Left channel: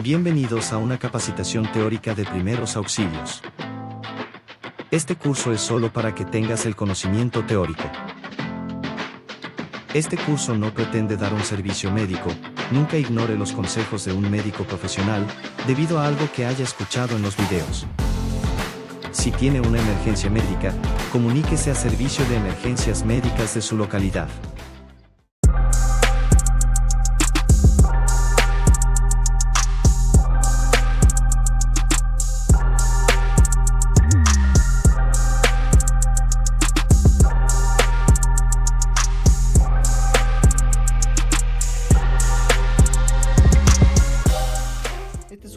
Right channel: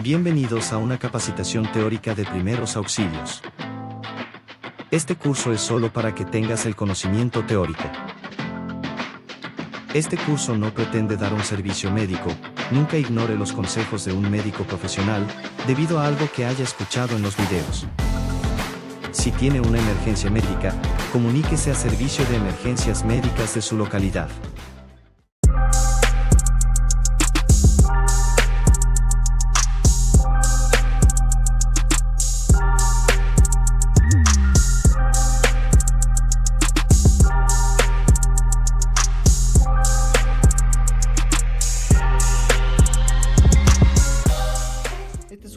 Bienvenidos a una capacitación teórica de primeros auxilios. Este curso es solo para que tengas el conocimiento teórico. Este curso no pretende dar un servicio médico. Nunca ignore los consejos de un médico profesional, debido a algo que haya escuchado en los videos. Si tiene una emergencia médica, comuníquese a Servicio de Emergencias Médicas de su localidad.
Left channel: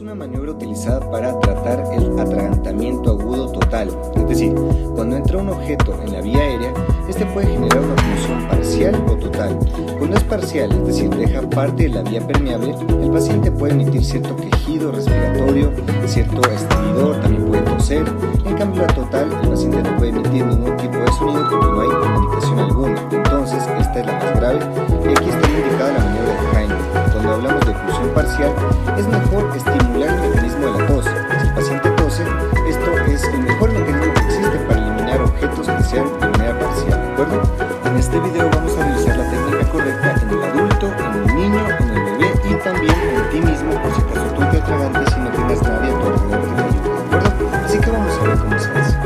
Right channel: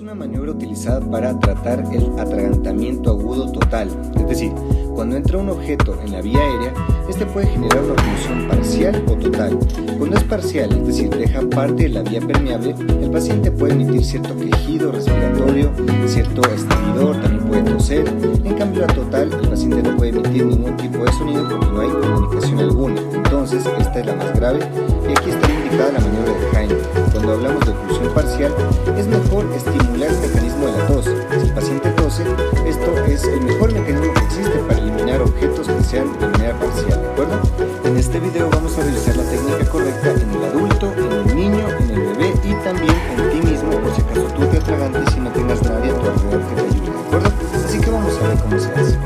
Una maniobra utilizada para tratar el atragantamiento agudo total, es decir, cuando entra un objeto en la vía aérea, este puede generar una oclusión parcial o total. Cuando es parcial, es decir, deja parte de la vía permeable, el paciente puede emitir cierto quejido respiratorio, cierto estridor, también puede toser. En cambio, la total, el paciente no puede emitir ningún tipo de sonido porque no hay comunicación alguna. Entonces, esta es la más grave y aquí estaría indicada la maniobra de Heimlich. Cuando hablamos de oclusión parcial, es mejor estimular el mecanismo de la tos. Si el paciente tose, esto es el mejor mecanismo que existe para eliminar objetos que sean de manera parcial, ¿de acuerdo? En este video vamos a revisar la técnica correcta en el adulto, en el niño, en el bebé y también en ti mismo, por si acaso tú te atragantes y no tengas nadie a tu alrededor que te ayude, ¿de acuerdo? Así que vamos a ver cómo se hace.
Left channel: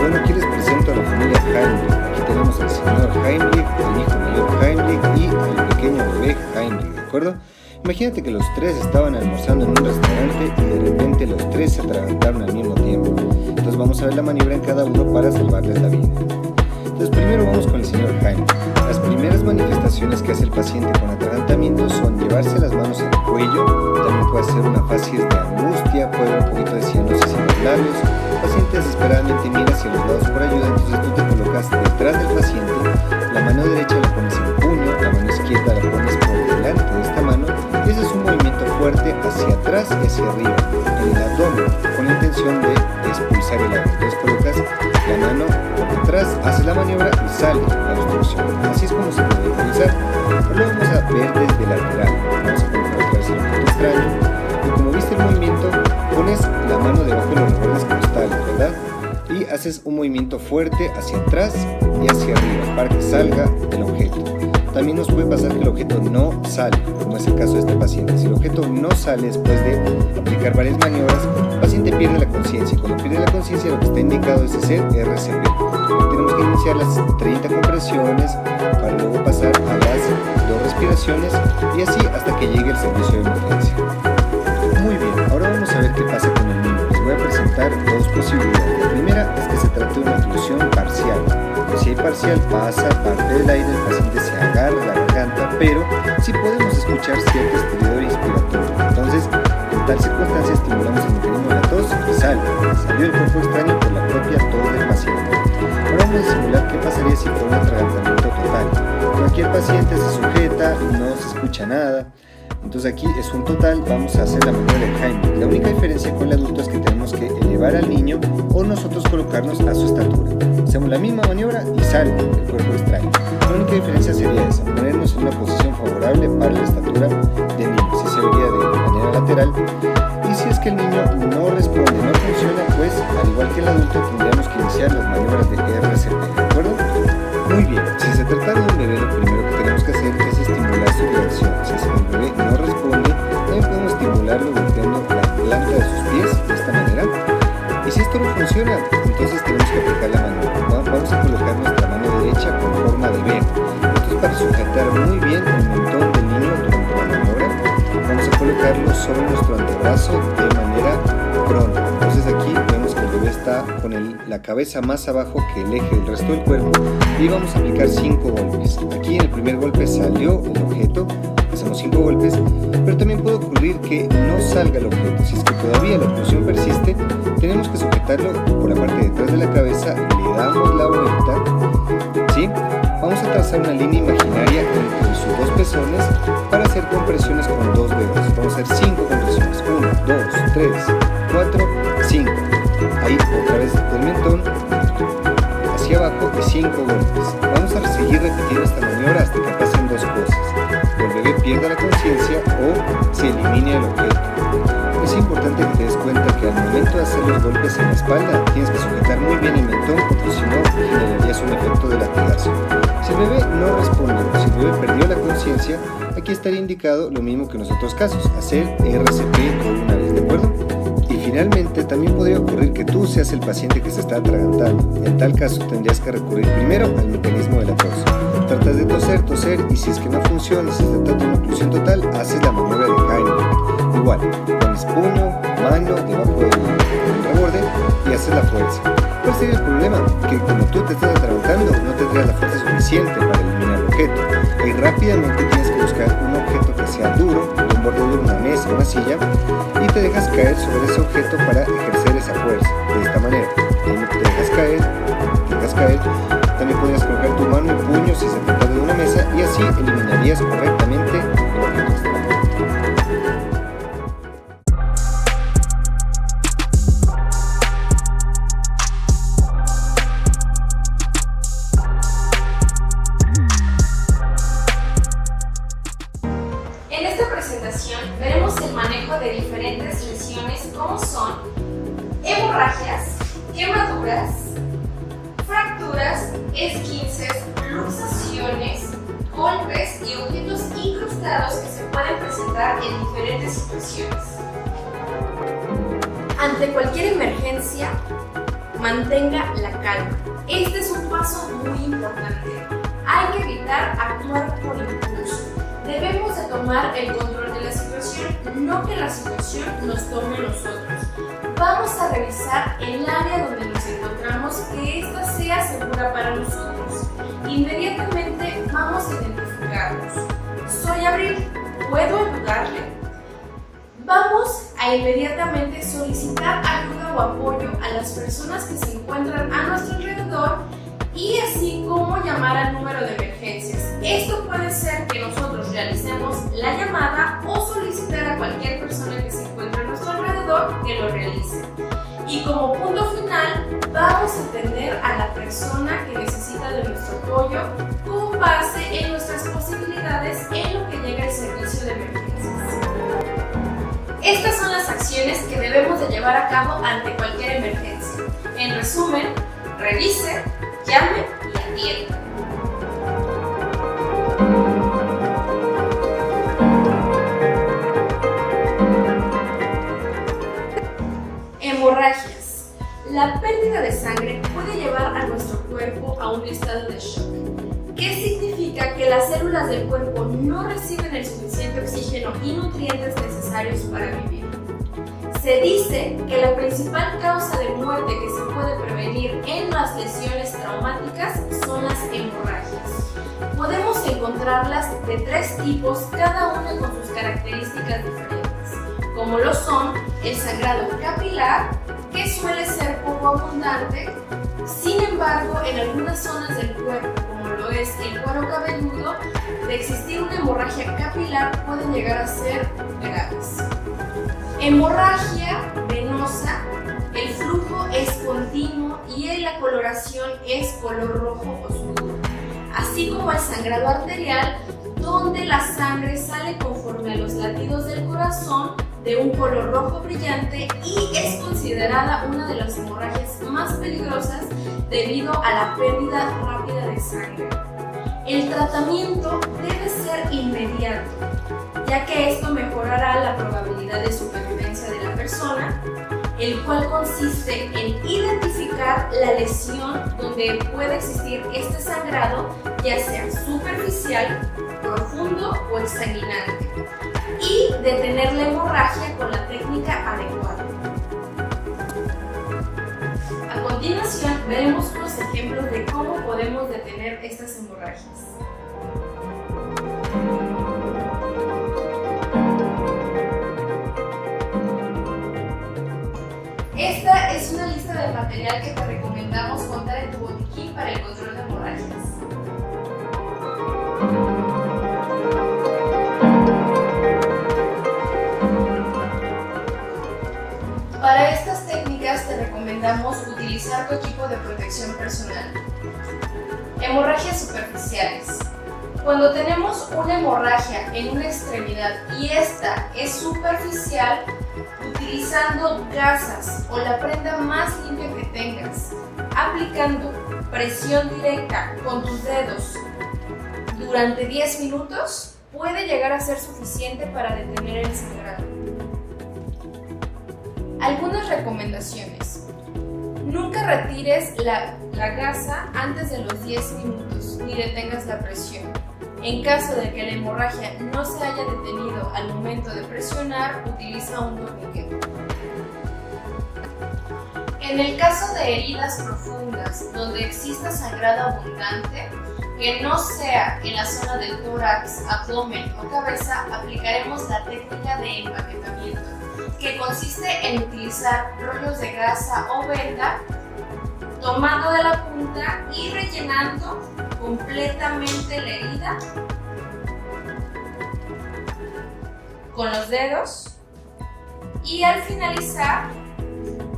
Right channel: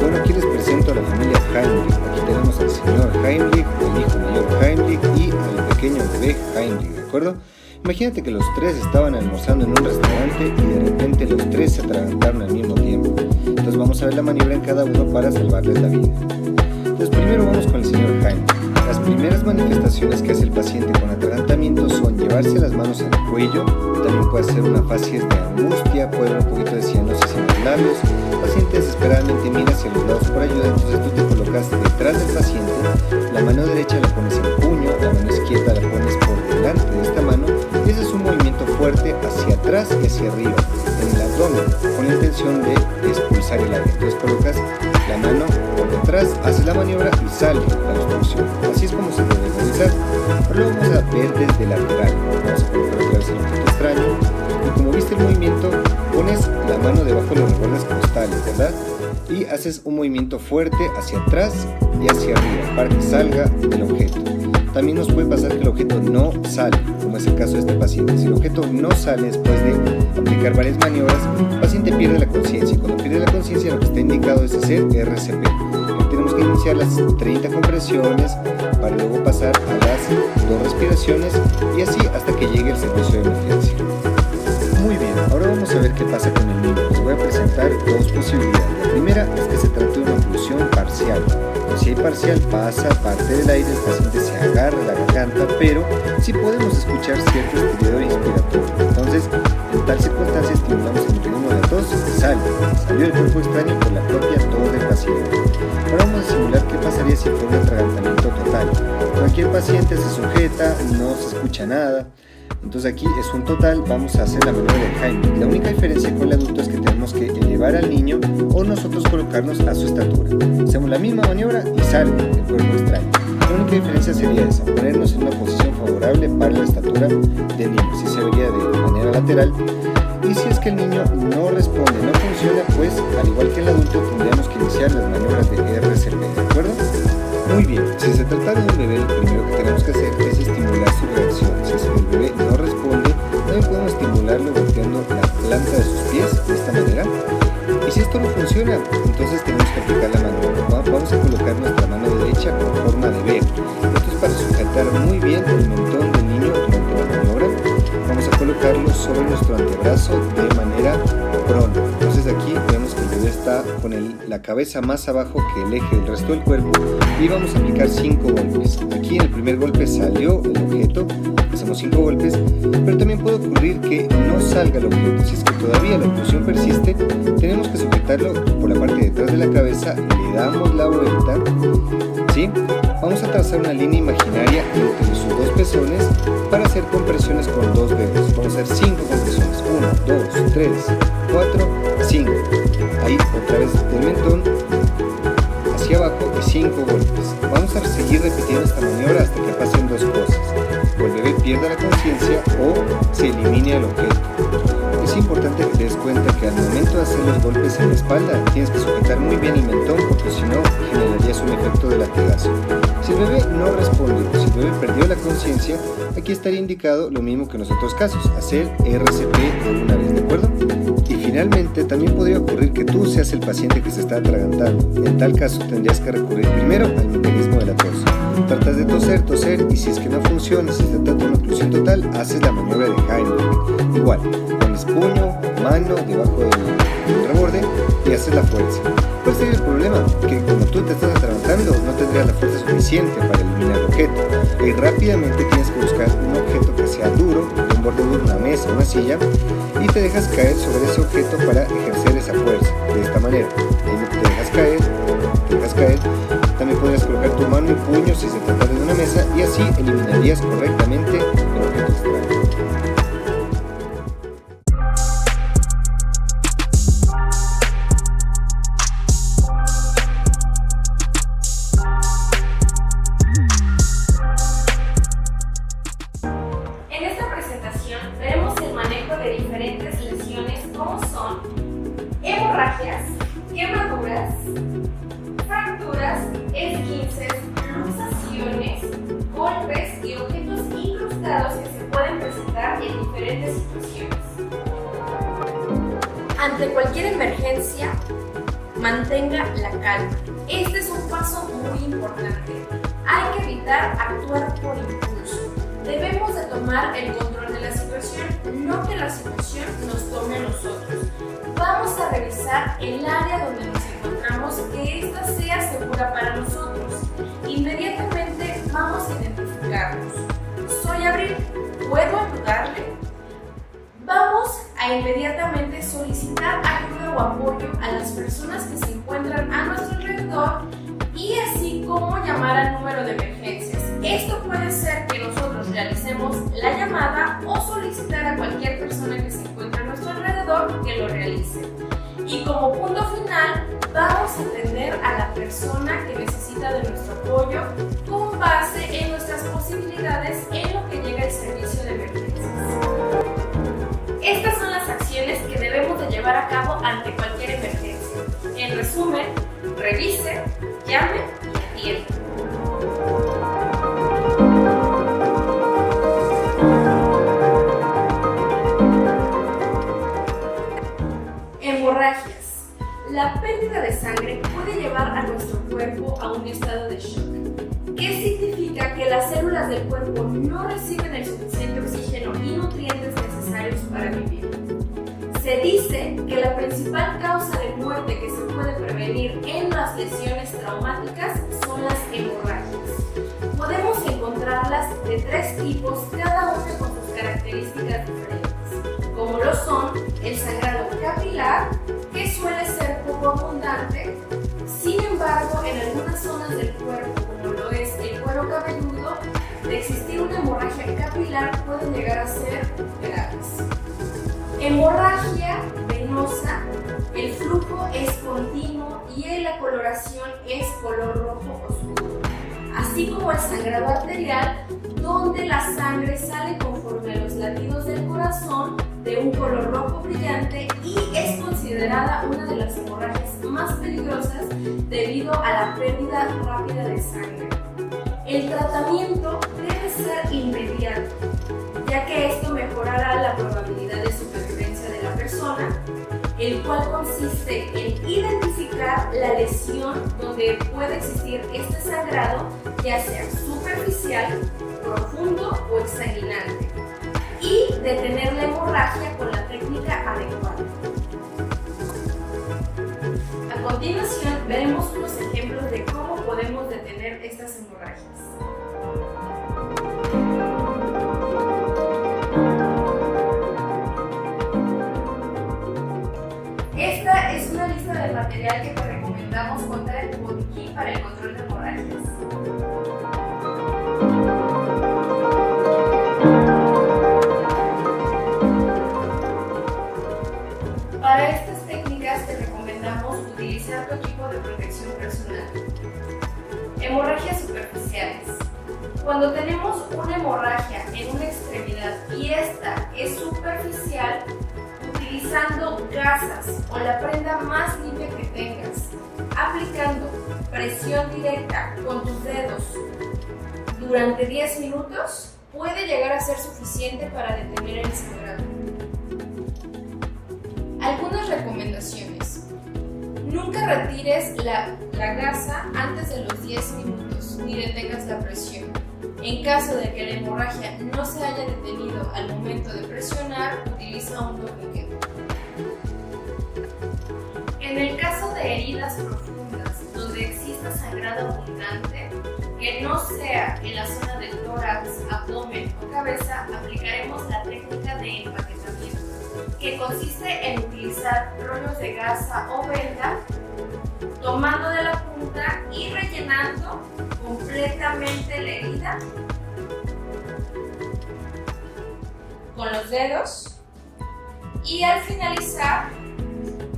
Bueno, aquí les presento a la familia Heimlich. Aquí tenemos al señor Heimlich, al hijo mayor Heimlich y al pequeño bebé Heimlich, ¿de acuerdo? Imagínate que los tres estaban almorzando en un restaurante y de repente los tres se atragantaron al mismo tiempo. Entonces vamos a ver la maniobra en cada uno para salvarles la vida. Entonces primero vamos con el señor Heimlich. Las primeras manifestaciones que hace el paciente con atragantamiento son llevarse las manos al cuello, también puede hacer una facies de angustia, puede haber un poquito de cianosis en los labios. El paciente desesperadamente mira hacia los lados por ayuda, entonces tú te colocas detrás del paciente, la mano derecha la pones en puño, la mano izquierda la pones por delante de esta mano y ese es un movimiento fuerte hacia atrás y hacia arriba, en el abdomen, con la intención de expulsar el aire. Entonces colocas la mano por detrás, haces la maniobra y sale la obstrucción. Así es como se debe realizar. Ahora lo vamos a ver desde lateral. Vamos a colocar otra vez el objeto extraño y como viste el movimiento, pones la mano debajo de los rebordes costales, ¿verdad? Y haces un movimiento fuerte hacia atrás y hacia arriba para que salga el objeto. También nos puede pasar que el objeto no sale, como es el caso de este paciente. Si el objeto no sale después de aplicar varias maniobras, el paciente pierde la conciencia y cuando pierde la conciencia lo que está indicado es hacer RCP. Tenemos que iniciar las 30 compresiones para luego pasar a las 2 respiraciones y así hasta que llegue el servicio de emergencia. Muy bien, ahora vamos a ver qué pasa con el niño. Les voy a presentar dos posibilidades. La primera es que se trate de una oclusión parcial. Si hay parcial, pasa parte del aire, el paciente se agarra la garganta, pero sí podemos escuchar cierto estridor inspiratorio. Entonces, en tal circunstancia estimulamos el mecanismo de la tos y salió el cuerpo extraño por la propia tos del paciente. Ahora vamos a simular qué pasaría si fuera un atragantamiento total. Cualquier paciente se sujeta, no se escucha nada. Entonces aquí es un total, vamos a hacer la maniobra de Heimlich. La única diferencia con el adulto es que tenemos que elevar al niño o nosotros colocarnos a su estatura. Hacemos la misma maniobra y sale el cuerpo extraño. La única diferencia sería esa, ponernos en una posición favorable para la estatura del niño. Si se vería de manera lateral. Y si es que el niño no responde, no funciona, pues al igual que el adulto tendríamos que iniciar las maniobras de RCP, ¿de acuerdo? Muy bien, si se trata de un bebé, lo primero que tenemos que hacer es estimular su reacción. Si es que el bebé no responde, también podemos estimularlo golpeando la planta de sus pies de esta manera. Y si esto no funciona, entonces tenemos que aplicar la maniobra. Vamos a colocar nuestra mano derecha con forma de V. Esto es para sujetar muy bien el mentón del niño durante la maniobra. Vamos a colocarlo sobre nuestro antebrazo de manera prona. Entonces aquí vemos que el bebé está con la cabeza más abajo que el eje del resto del cuerpo y vamos a aplicar 5 golpes. Aquí en el primer golpe salió el objeto, hacemos 5 golpes, pero también puede ocurrir que no salga el objeto. Si es que todavía la oclusión persiste, tenemos que sujetarlo por la parte de atrás de la cabeza, le damos la vuelta, ¿sí? Vamos a trazar una línea imaginaria entre sus dos pezones para hacer compresiones con 2 dedos. Vamos a hacer 5 compresiones, 1, 2, 3, 4, 5. Ahí otra vez del mentón hacia abajo y 5 golpes. Vamos a seguir repitiendo esta maniobra hasta que pasen 2 cosas: o el bebé pierda la conciencia o se elimine línea del objeto. Es importante que te des cuenta que al momento de hacer los golpes en la espalda tienes que sujetar muy bien el mentón, porque si no generarías un efecto de latigazo. Si el bebé no respondió, si el bebé perdió la conciencia, aquí estaría indicado lo mismo que en los otros casos, hacer RCP de una vez, ¿de acuerdo? Y finalmente también podría ocurrir que tú seas el paciente que se está atragantando. En tal caso tendrías que recurrir primero al mecanismo de la tos. Tratas de toser y si es que no funciona, si se trata de una oclusión total, haces la maniobra de Heimlich. Igual, pones puño, mano debajo del reborde y haces la fuerza. ¿Cuál sería el problema? Que como tú te estás atragantando, no tendrías la fuerza suficiente para eliminar el objeto. Y rápidamente tienes que buscar un objeto que sea duro, de un borde duro, una mesa, una silla, y te dejas caer sobre ese objeto para ejercer esa fuerza. De esta manera, ahí te dejas caer. También podrías colocar tu mano y puño si se trata de una mesa y así eliminarías correctamente el objeto extraño. En esta presentación veremos el manejo de diferentes lesiones como son hemorragias, quemaduras, fracturas, esguinces, luxaciones, golpes y objetos incrustados que se pueden presentar en diferentes situaciones. Ante cualquier emergencia, mantenga la calma. Este es un paso muy importante. Hay que evitar actuar por impulso. Debemos de tomar el control de la situación, no que la situación nos tome a nosotros. Vamos a revisar el área donde nos encontramos, que ésta sea segura para nosotros. Inmediatamente vamos a identificarnos. Soy Abril, ¿puedo ayudarle? Vamos a inmediatamente solicitar ayuda o apoyo a las personas que se encuentran a nuestro alrededor y así como llamar al número de emergencias. Esto puede ser que nosotros realicemos la llamada o solicitar a cualquier persona que se encuentre a nuestro alrededor que lo realice. Y como punto final, vamos a atender a la persona que necesita de nuestro apoyo con base en nuestras posibilidades en lo que llega el servicio de emergencias. Estas son las acciones que debemos de llevar a cabo ante cualquier emergencia. En resumen, revise, llame y atienda. Hemorragias. La pérdida de sangre puede llevar a nuestro cuerpo a un estado de shock. ¿Qué significa? Que las células del cuerpo no reciben el suficiente oxígeno y nutrientes necesarios para vivir. Se dice que la principal causa de muerte que se puede prevenir en las lesiones traumáticas son las hemorragias. Podemos encontrarlas de 3 tipos, cada una con sus características diferentes, como lo son el sangrado capilar, que suele ser poco abundante. Sin embargo, en algunas zonas del cuerpo, como lo es el cuero cabelludo, de existir una hemorragia capilar pueden llegar a ser graves. Hemorragia venosa, el flujo es continuo y la coloración es color rojo oscuro, así como el sangrado arterial, donde la sangre sale conforme a los latidos del corazón de un color rojo brillante y es considerada una de las hemorragias más peligrosas debido a la pérdida rápida de sangre. El tratamiento debe ser inmediato, ya que esto mejorará la probabilidad de supervivencia de la persona, el cual consiste en identificar la lesión donde puede existir este sangrado, ya sea superficial, profundo o exsanguinante, y detener la hemorragia con la técnica adecuada. A continuación veremos unos ejemplos de cómo podemos detener estas hemorragias. Esta es una lista de material que te recomendamos contar en tu botiquín para el control de hemorragias. Para estas técnicas te recomendamos utilizar tu equipo de protección personal. Hemorragias superficiales. Cuando tenemos una hemorragia en una extremidad y esta es superficial, utilizando gasas o la prenda más limpia que tengas, aplicando presión directa con tus dedos durante 10 minutos, puede llegar a ser suficiente para detener el sangrado. Algunas recomendaciones. Nunca retires la gasa antes de los 10 minutos ni detengas la presión. En caso de que la hemorragia no se haya detenido al momento de presionar, utiliza un torniquete. En el caso de heridas profundas donde exista sangrado abundante, que no sea en la zona del tórax, abdomen o cabeza, aplicaremos la técnica de empaquetamiento, que consiste en utilizar rollos de gasa o venda, tomando de la punta y rellenando completamente la herida con los dedos, y al finalizar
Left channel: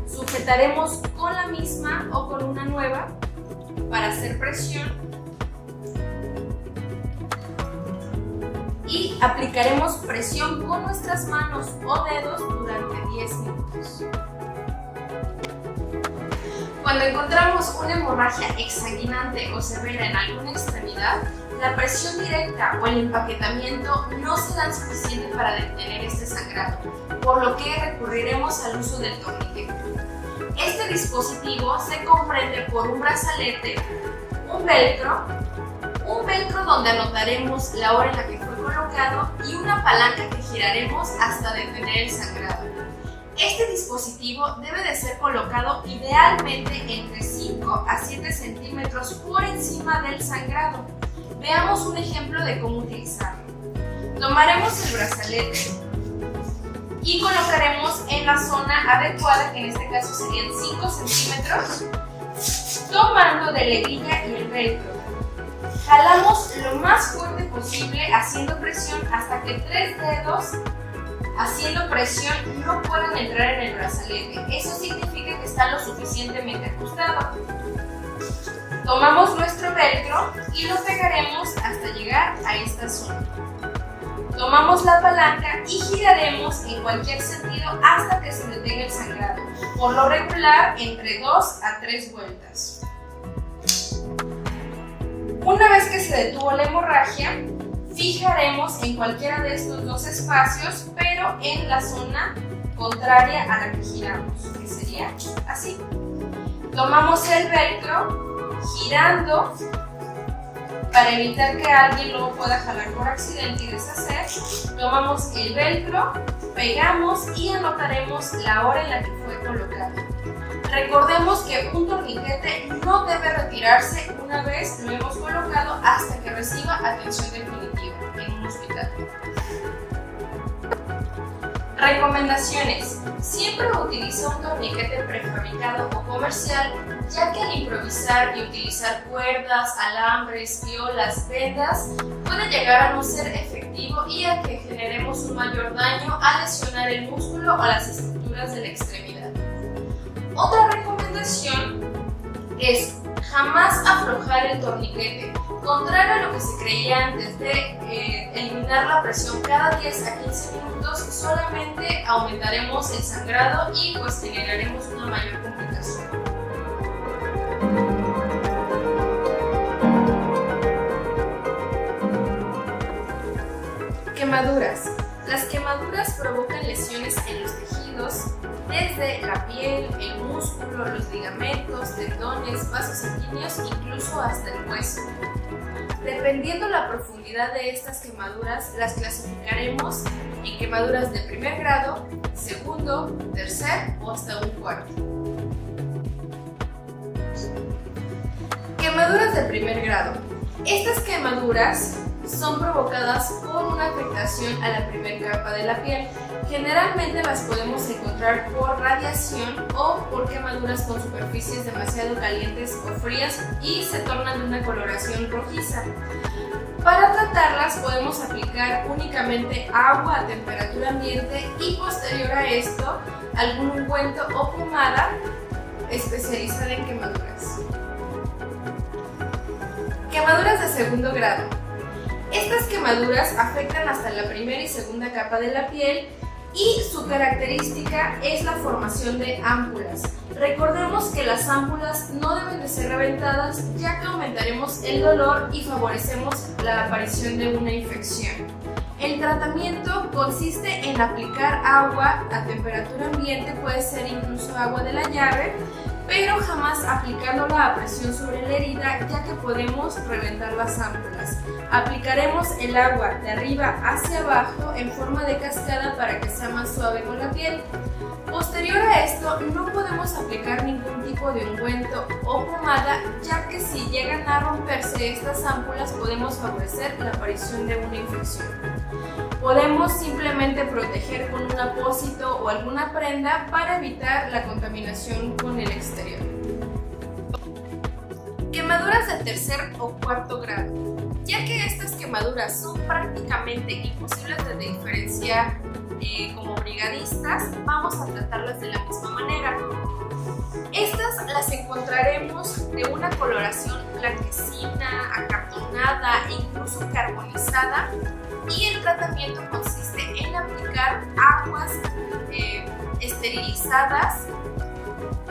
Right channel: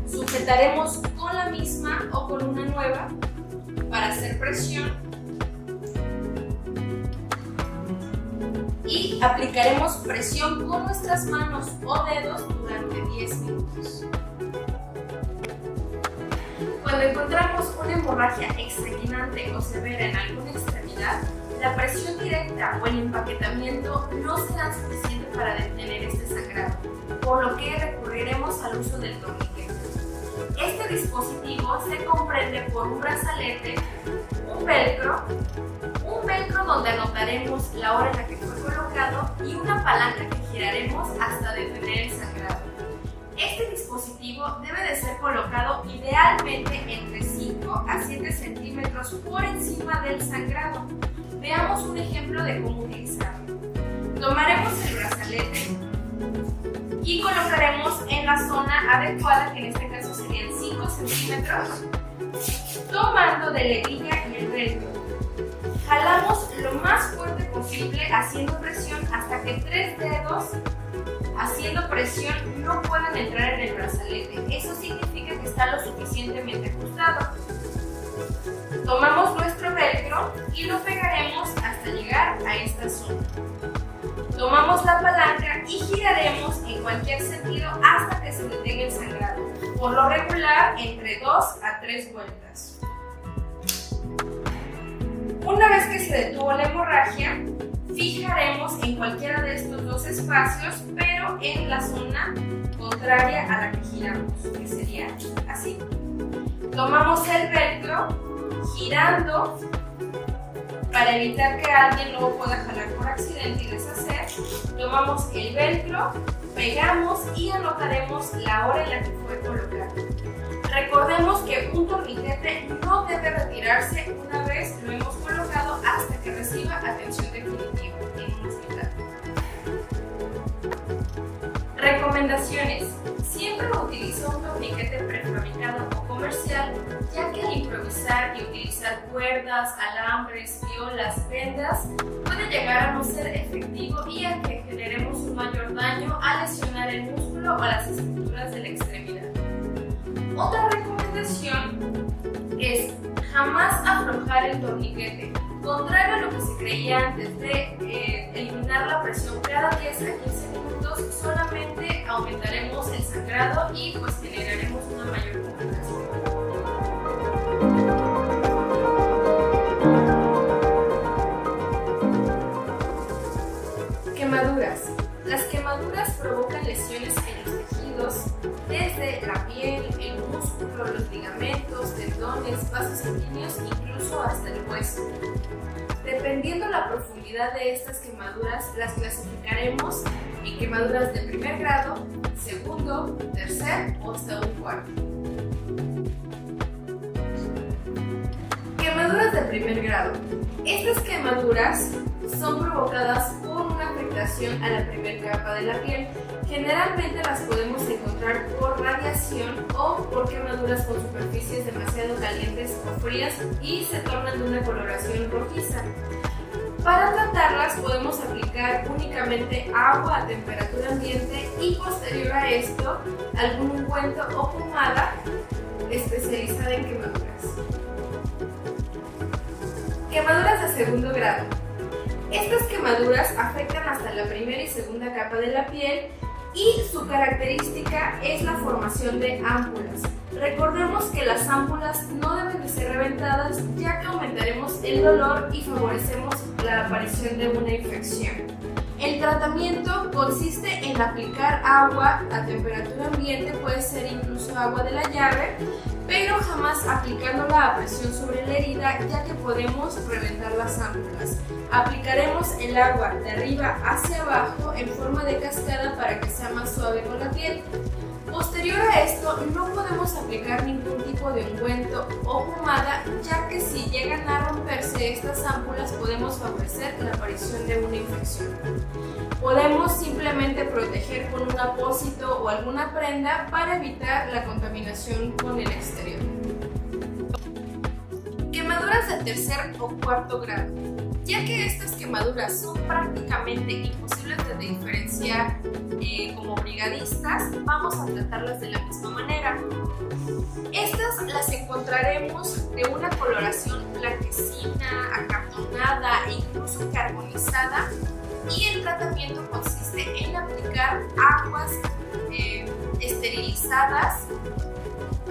sujetaremos con la misma o con una nueva para hacer presión y aplicaremos presión con nuestras manos o dedos durante 10 minutos. Cuando encontramos una hemorragia exsanguinante o severa en alguna extremidad, la presión directa o el empaquetamiento no serán suficientes para detener este sangrado, por lo que recurriremos al uso del torniquete. Este dispositivo se comprende por un brazalete, un velcro donde anotaremos la hora en la que fue colocado y una palanca que giraremos hasta detener el sangrado. Este dispositivo debe de ser colocado idealmente entre 5 a 7 centímetros por encima del sangrado. Veamos un ejemplo de cómo utilizarlo. Tomaremos el brazalete y colocaremos en la zona adecuada, que en este caso serían 5 centímetros, tomando de la hebilla y el velcro. Jalamos lo más fuerte posible haciendo presión hasta que 3 dedos haciendo presión no puedan entrar en el brazalete. Eso significa que está lo suficientemente ajustado. Tomamos nuestro velcro y lo pegaremos hasta llegar a esta zona. Tomamos la palanca y giraremos en cualquier sentido hasta que se detenga el sangrado, por lo regular entre 2 a 3 vueltas. Una vez que se detuvo la hemorragia, fijaremos en cualquiera de estos dos espacios, pero en la zona contraria a la que giramos, que sería así. Tomamos el velcro girando para evitar que alguien luego pueda jalar por accidente y deshacer. Tomamos el velcro, pegamos y anotaremos la hora en la que fue colocado. Recordemos que un torniquete no debe retirarse una vez lo hemos colocado hasta que reciba atención definitiva en un hospital. Recomendaciones. Siempre utiliza un torniquete prefabricado o comercial, ya que al improvisar y utilizar cuerdas, alambres, violas, vendas, puede llegar a no ser efectivo y a que generemos un mayor daño al lesionar el músculo o las estructuras de la extremidad. Otra recomendación es jamás aflojar el torniquete. Contrario a lo que se creía antes de eliminar la presión cada 10 a 15 minutos, solamente aumentaremos el sangrado y pues generaremos una mayor complicación. Quemaduras. Las quemaduras provocan lesiones en los tejidos, desde la piel, el músculo, los ligamentos, tendones, vasos sanguíneos, incluso hasta el hueso. Dependiendo la profundidad de estas quemaduras, las clasificaremos en quemaduras de primer grado, segundo, tercer o hasta un cuarto. Quemaduras de primer grado. Estas quemaduras son provocadas por una afectación a la primera capa de la piel. Generalmente las podemos encontrar por radiación o por quemaduras con superficies demasiado calientes o frías y se tornan de una coloración rojiza. Para tratarlas podemos aplicar únicamente agua a temperatura ambiente y posterior a esto algún ungüento o pomada especializada en quemaduras. Quemaduras de segundo grado. Estas quemaduras afectan hasta la primera y segunda capa de la piel y su característica es la formación de ámpulas. Recordemos que las ámpulas no deben de ser reventadas, ya que aumentaremos el dolor y favorecemos la aparición de una infección. El tratamiento consiste en aplicar agua a temperatura ambiente, puede ser incluso agua de la llave, pero jamás aplicándola a presión sobre la herida, ya que podemos reventar las ámpulas. Aplicaremos el agua de arriba hacia abajo en forma de cascada para que sea más suave con la piel. Posterior a esto, no podemos aplicar ningún tipo de ungüento o pomada, ya que si llegan a romperse estas ámpulas podemos favorecer la aparición de una infección. Podemos simplemente proteger con un apósito o alguna prenda para evitar la contaminación con el exterior. Quemaduras de tercer o cuarto grado. Ya que estas quemaduras son prácticamente imposibles de diferenciar como brigadistas, vamos a tratarlas de la misma manera. Estas las encontraremos de una coloración blanquecina, acartonada e incluso carbonizada, y el tratamiento consiste en aplicar aguas esterilizadas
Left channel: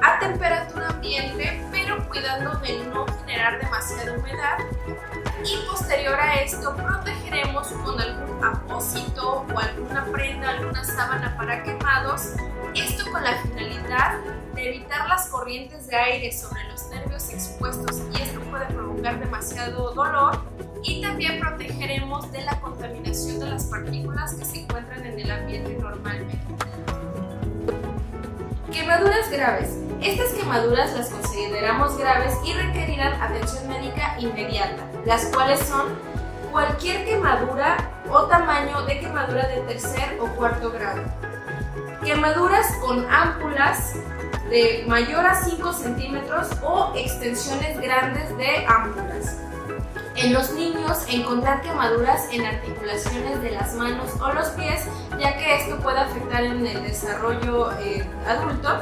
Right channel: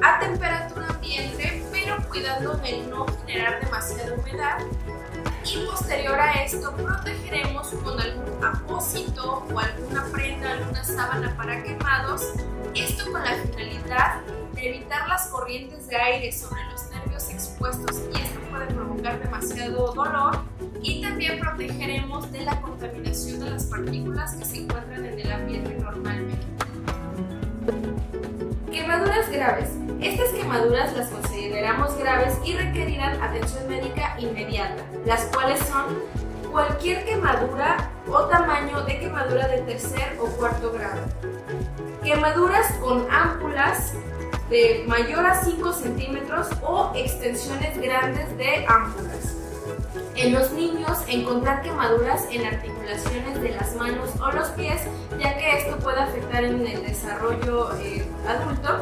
a temperatura ambiente, pero cuidando de no generar demasiada humedad. Y posterior a esto protegeremos con algún apósito o alguna prenda, alguna sábana para quemados, esto con la finalidad de evitar las corrientes de aire sobre los nervios expuestos, y esto puede provocar demasiado dolor, y también protegeremos de la contaminación de las partículas que se encuentran en el ambiente normalmente. Quemaduras graves. Estas quemaduras las consideramos graves y requerirán atención médica inmediata, las cuales son cualquier quemadura o tamaño de quemadura de tercer o cuarto grado. Quemaduras con ámpulas de mayor a 5 centímetros o extensiones grandes de ámpulas. En los niños, encontrar quemaduras en articulaciones de las manos o los pies, ya que esto puede afectar en el desarrollo adulto.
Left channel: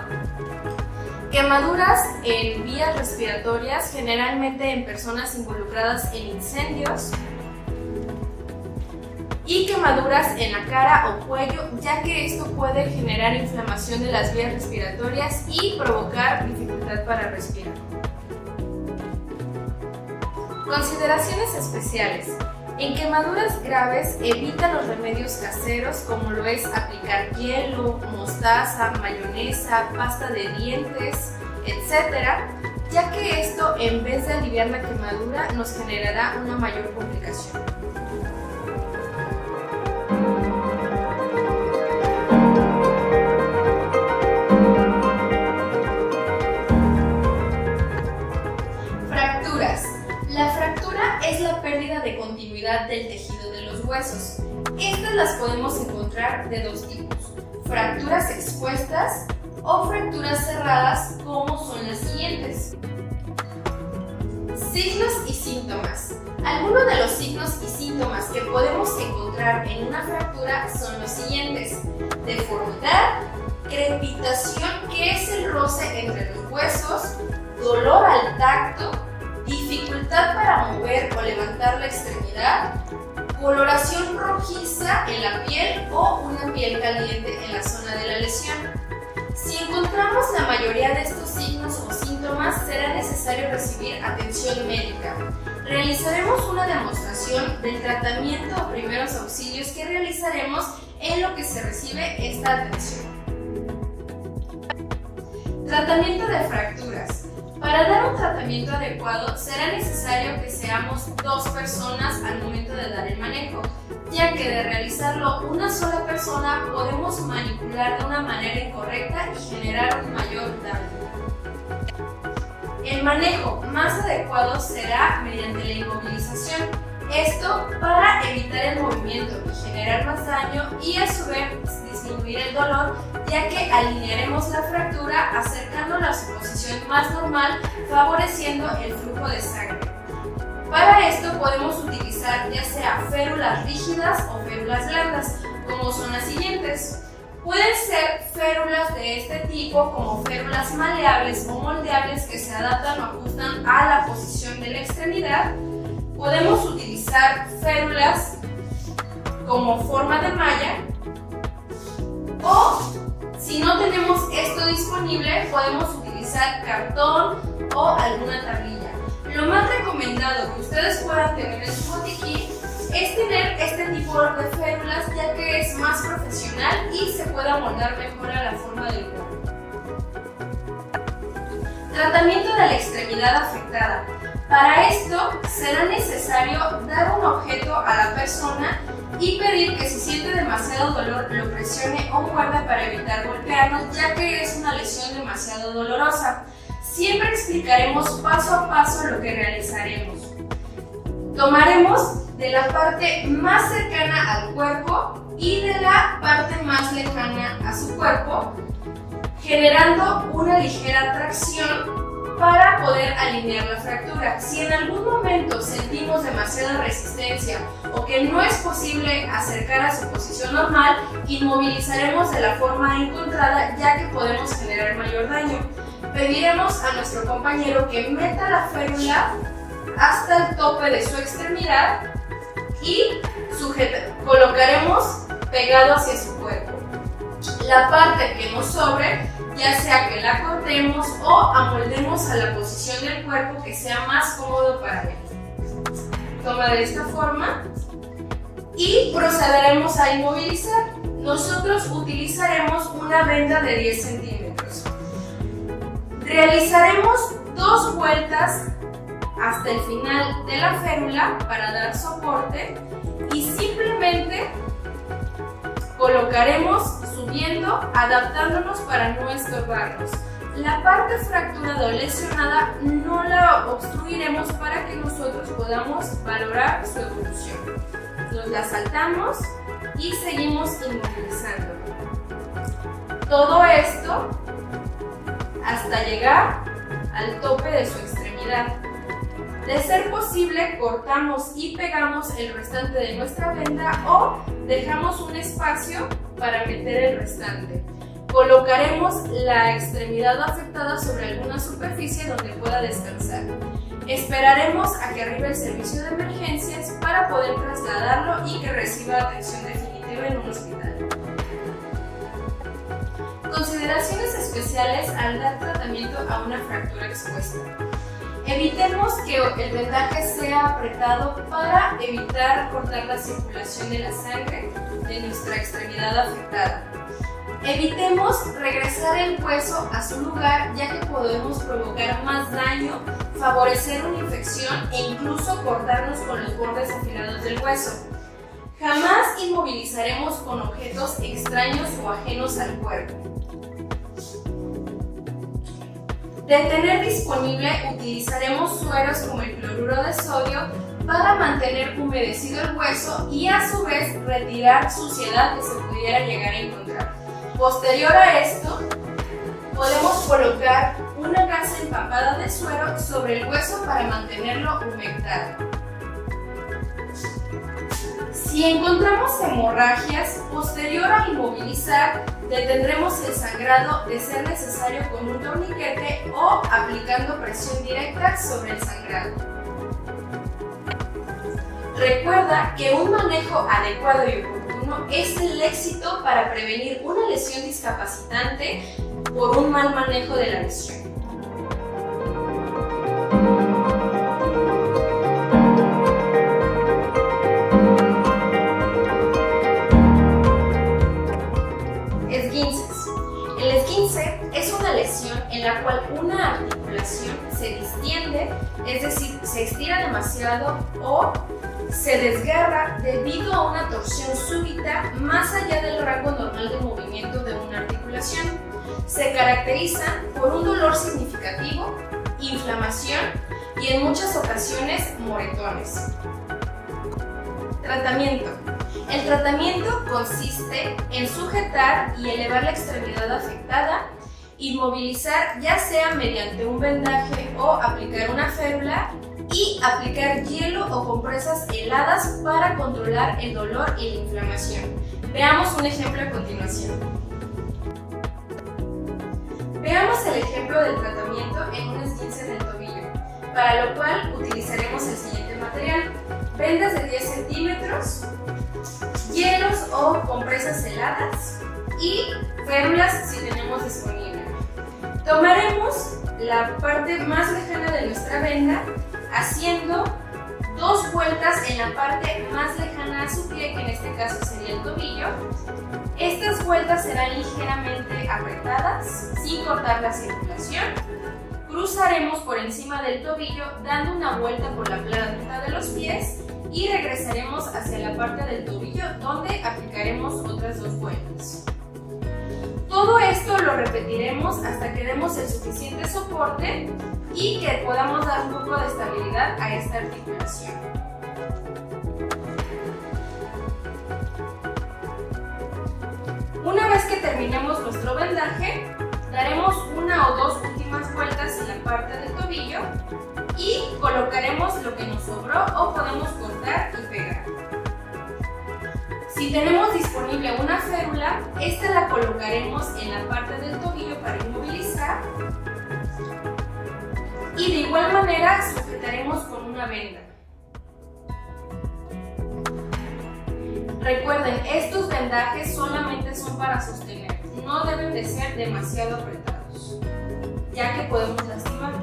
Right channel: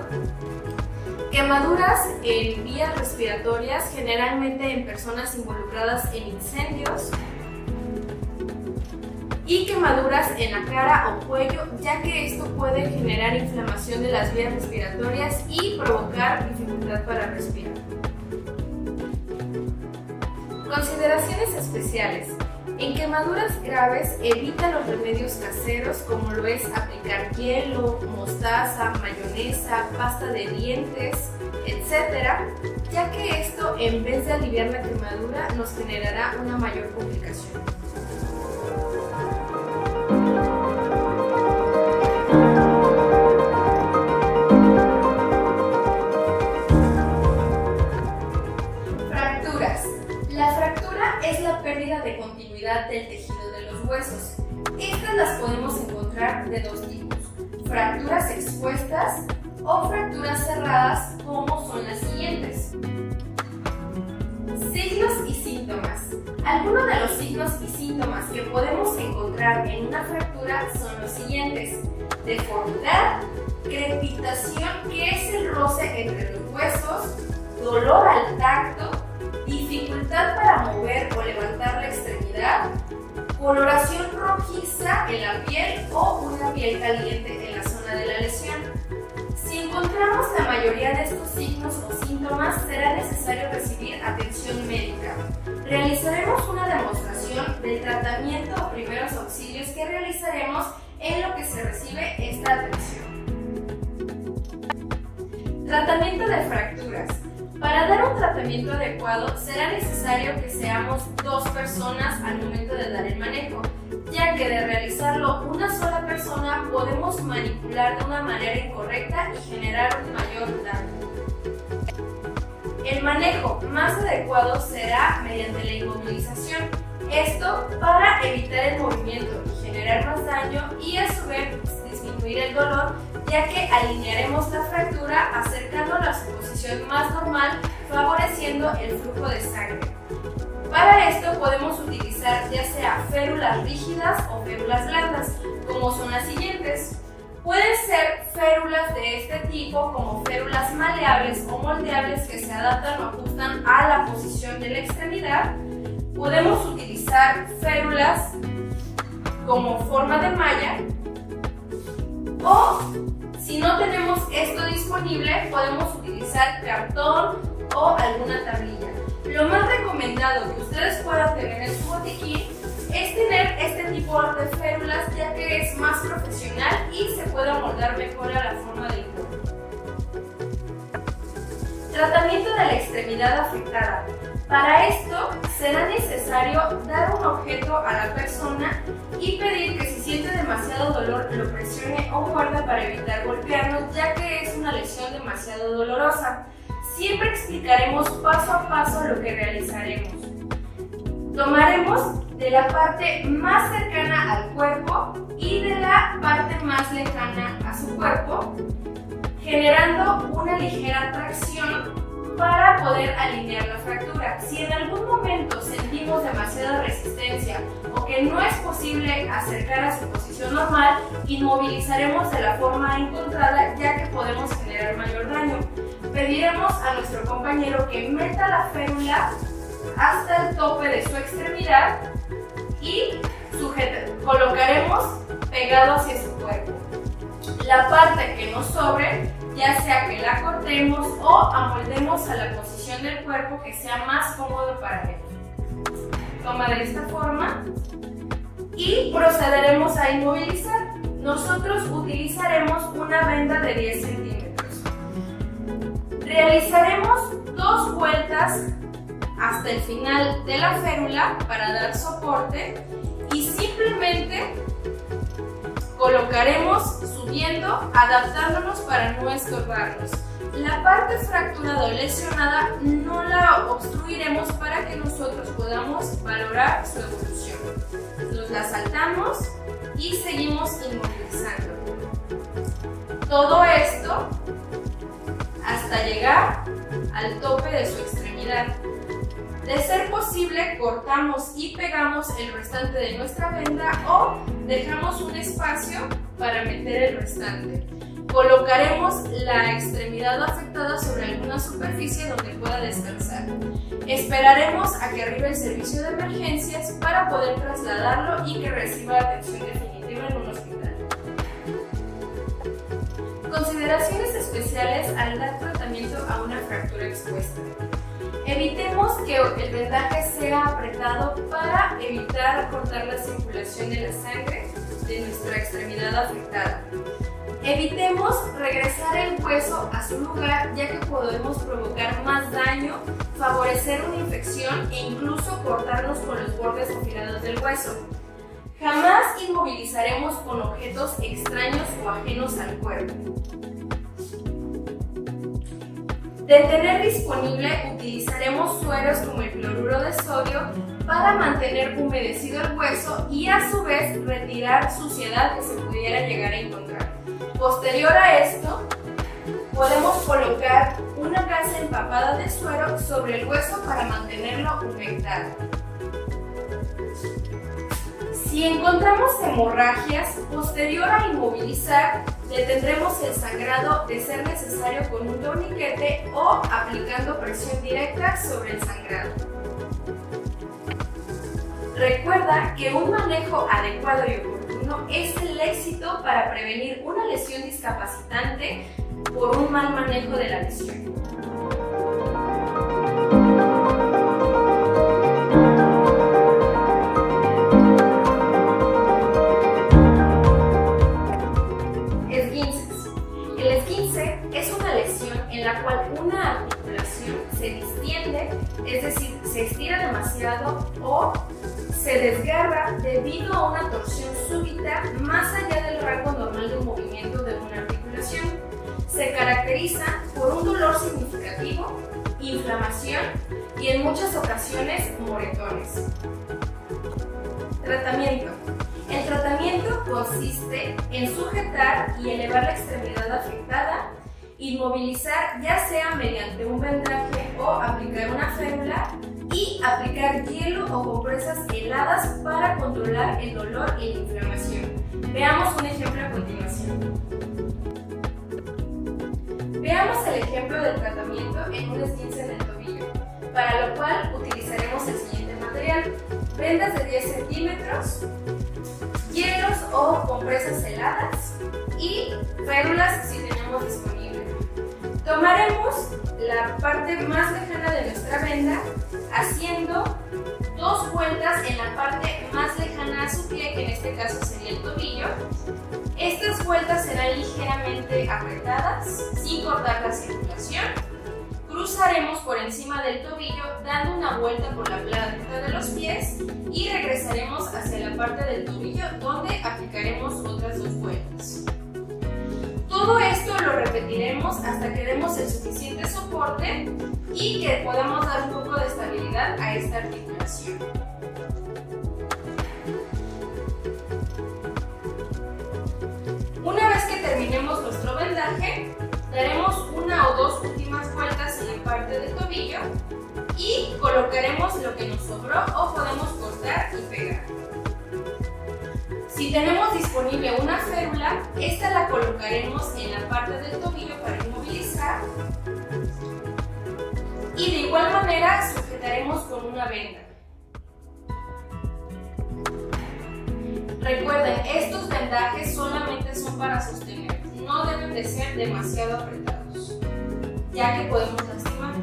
Quemaduras en vías respiratorias, generalmente en personas involucradas en incendios. Y quemaduras en la cara o cuello, ya que esto puede generar inflamación de las vías respiratorias y provocar dificultad para respirar. Consideraciones especiales. En quemaduras graves, evita los remedios caseros como lo es aplicar hielo, mostaza, mayonesa, pasta de dientes, etc., ya que esto, en vez de aliviar la quemadura, nos generará una mayor complicación. Fracturas. La fractura es la pérdida de continuidad del tejido de los huesos. Estas las podemos encontrar de dos tipos: fracturas expuestas o fracturas cerradas, como son las siguientes. Signos y síntomas. Algunos de los signos y síntomas que podemos encontrar en una fractura son los siguientes: deformidad, crepitación, que es el roce entre los huesos, dolor al tacto, dificultad para mover o levantar la extremidad, coloración rojiza en la piel o una piel caliente en la zona de la lesión. Si encontramos la mayoría de estos signos o síntomas, será necesario recibir atención médica. Realizaremos una demostración del tratamiento o primeros auxilios que realizaremos en lo que se recibe esta atención. Tratamiento de fracturas. Para dar un tratamiento adecuado, será necesario que seamos dos personas al momento de dar el manejo, ya que de realizarlo una sola persona podemos manipular de una manera incorrecta y generar un mayor daño. El manejo más adecuado será mediante la inmovilización, esto para evitar el movimiento y generar más daño, y a su vez disminuir el dolor, ya que alinearemos la fractura acercándola a su posición más normal, favoreciendo el flujo de sangre. Para esto podemos utilizar ya sea férulas rígidas o férulas blandas, como son las siguientes. Pueden ser férulas de este tipo, como férulas maleables o moldeables, que se adaptan o ajustan a la posición de la extremidad. podemos utilizar férulas como forma de malla, o si no tenemos esto disponible, podemos utilizar cartón o alguna tablilla. Lo más recomendado que ustedes puedan tener en su botiquín es tener este tipo de férulas, ya que es más profesional y se puede amoldar mejor a la forma del cuerpo. Tratamiento de la extremidad afectada. Para esto será necesario dar un objeto a la persona y pedir que si siente demasiado dolor lo presione o muerda para evitar golpearnos, ya que es una lesión demasiado dolorosa. Siempre explicaremos paso a paso lo que realizaremos. Tomaremos de la parte más cercana al cuerpo y de la parte más lejana a su cuerpo, generando una ligera tracción para poder alinear la fractura. Si en algún momento sentimos demasiada resistencia o que no es posible acercar a su posición normal, inmovilizaremos de la forma encontrada, ya que podemos generar mayor daño. Pediremos a nuestro compañero que meta la férula hasta el tope de su extremidad y colocaremos pegado hacia su cuerpo. La parte que nos sobre, ya sea que la cortemos o amoldemos a la posición del cuerpo que sea más cómodo para él. Toma de esta forma y procederemos a inmovilizar. Nosotros utilizaremos una venda de 10 centímetros. Realizaremos 2 vueltas hasta el final de la férula para dar soporte y simplemente colocaremos subiendo, adaptándonos para no estorbarnos. La parte fracturada o lesionada no la obstruiremos para que nosotros podamos valorar su evolución. Nos la saltamos y seguimos inmovilizando. Todo esto hasta llegar al tope de su extremidad. De ser posible, cortamos y pegamos el restante de nuestra venda o dejamos un espacio para meter el restante. Colocaremos la extremidad afectada sobre alguna superficie donde pueda descansar. Esperaremos a que arribe el servicio de emergencias para poder trasladarlo y que reciba atención definitiva en un hospital. Consideraciones especiales al dar tratamiento a una fractura expuesta. Evitemos que el vendaje sea apretado para evitar cortar la circulación de la sangre de nuestra extremidad afectada. Evitemos regresar el hueso a su lugar, ya que podemos provocar más daño, favorecer una infección e incluso cortarnos con los bordes afilados del hueso. Jamás inmovilizaremos con objetos extraños o ajenos al cuerpo. De tener disponible, utilizaremos sueros como el cloruro de sodio para mantener humedecido el hueso y a su vez retirar suciedad que se pudiera llegar a encontrar. Posterior a esto, podemos colocar una gasa empapada de suero sobre el hueso para mantenerlo humectado. Si encontramos hemorragias, posterior a inmovilizar, detendremos el sangrado de ser necesario con un torniquete o aplicando presión directa sobre el sangrado. Recuerda que un manejo adecuado y oportuno es el éxito para prevenir una lesión discapacitante por un mal manejo de la lesión. En la cual una articulación se distiende, es decir, se estira demasiado o se desgarra debido a una torsión súbita más allá del rango normal de movimiento de una articulación. Se caracteriza por un dolor significativo, inflamación y en muchas ocasiones moretones. Tratamiento. El tratamiento consiste en sujetar y elevar la extremidad afectada, inmovilizar ya sea mediante un vendaje o aplicar una férula y aplicar hielo o compresas heladas para controlar el dolor y la inflamación. Veamos un ejemplo a continuación. Veamos el ejemplo del tratamiento en un esguince del tobillo, para lo cual utilizaremos el siguiente material. saldrían vendas de 10 centímetros, hielos o compresas heladas y férulas si tenemos disponible. Tomaremos la parte más lejana de nuestra venda haciendo 2 vueltas en la parte más lejana a su pie, que en este caso sería el tobillo. Estas vueltas serán ligeramente apretadas, sin cortar la circulación. Cruzaremos por encima del tobillo dando una vuelta por la planta de los pies y regresaremos hacia la parte del tobillo donde aplicaremos otras 2 vueltas. Todo esto lo repetiremos hasta que demos el suficiente soporte y que podamos dar un poco de estabilidad a esta articulación. Una vez que terminemos nuestro vendaje, daremos 1 o 2 últimas vueltas en la parte del tobillo y colocaremos lo que nos sobró o podemos cortar y pegar. Si tenemos disponible una férula, esta la colocaremos en la parte del tobillo para inmovilizar y de igual manera sujetaremos con una venda. Recuerden, estos vendajes solamente son para sostener, no deben de ser demasiado apretados, ya que podemos lastimar.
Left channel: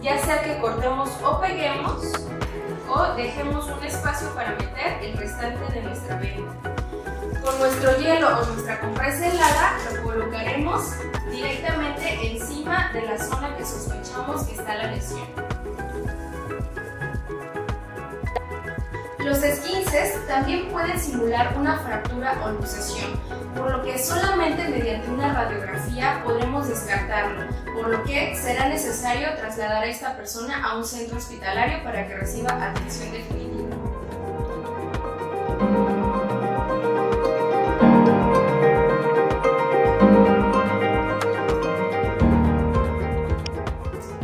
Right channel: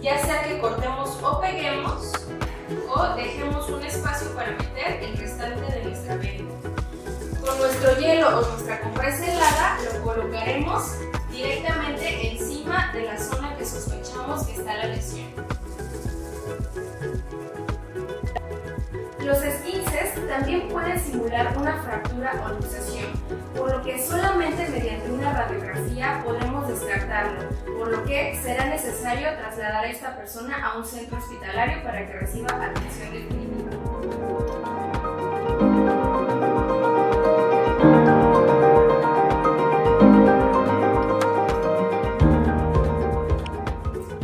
Ya sea que cortemos o peguemos o dejemos un espacio para meter el restante de nuestra venda. Con nuestro hielo o nuestra compresa helada lo colocaremos directamente encima de la zona que sospechamos que está la lesión. Los esguinces también pueden simular una fractura o luxación, por lo que solamente mediante una radiografía podremos descartarlo, por lo que será necesario trasladar a esta persona a un centro hospitalario para que reciba atención definitiva.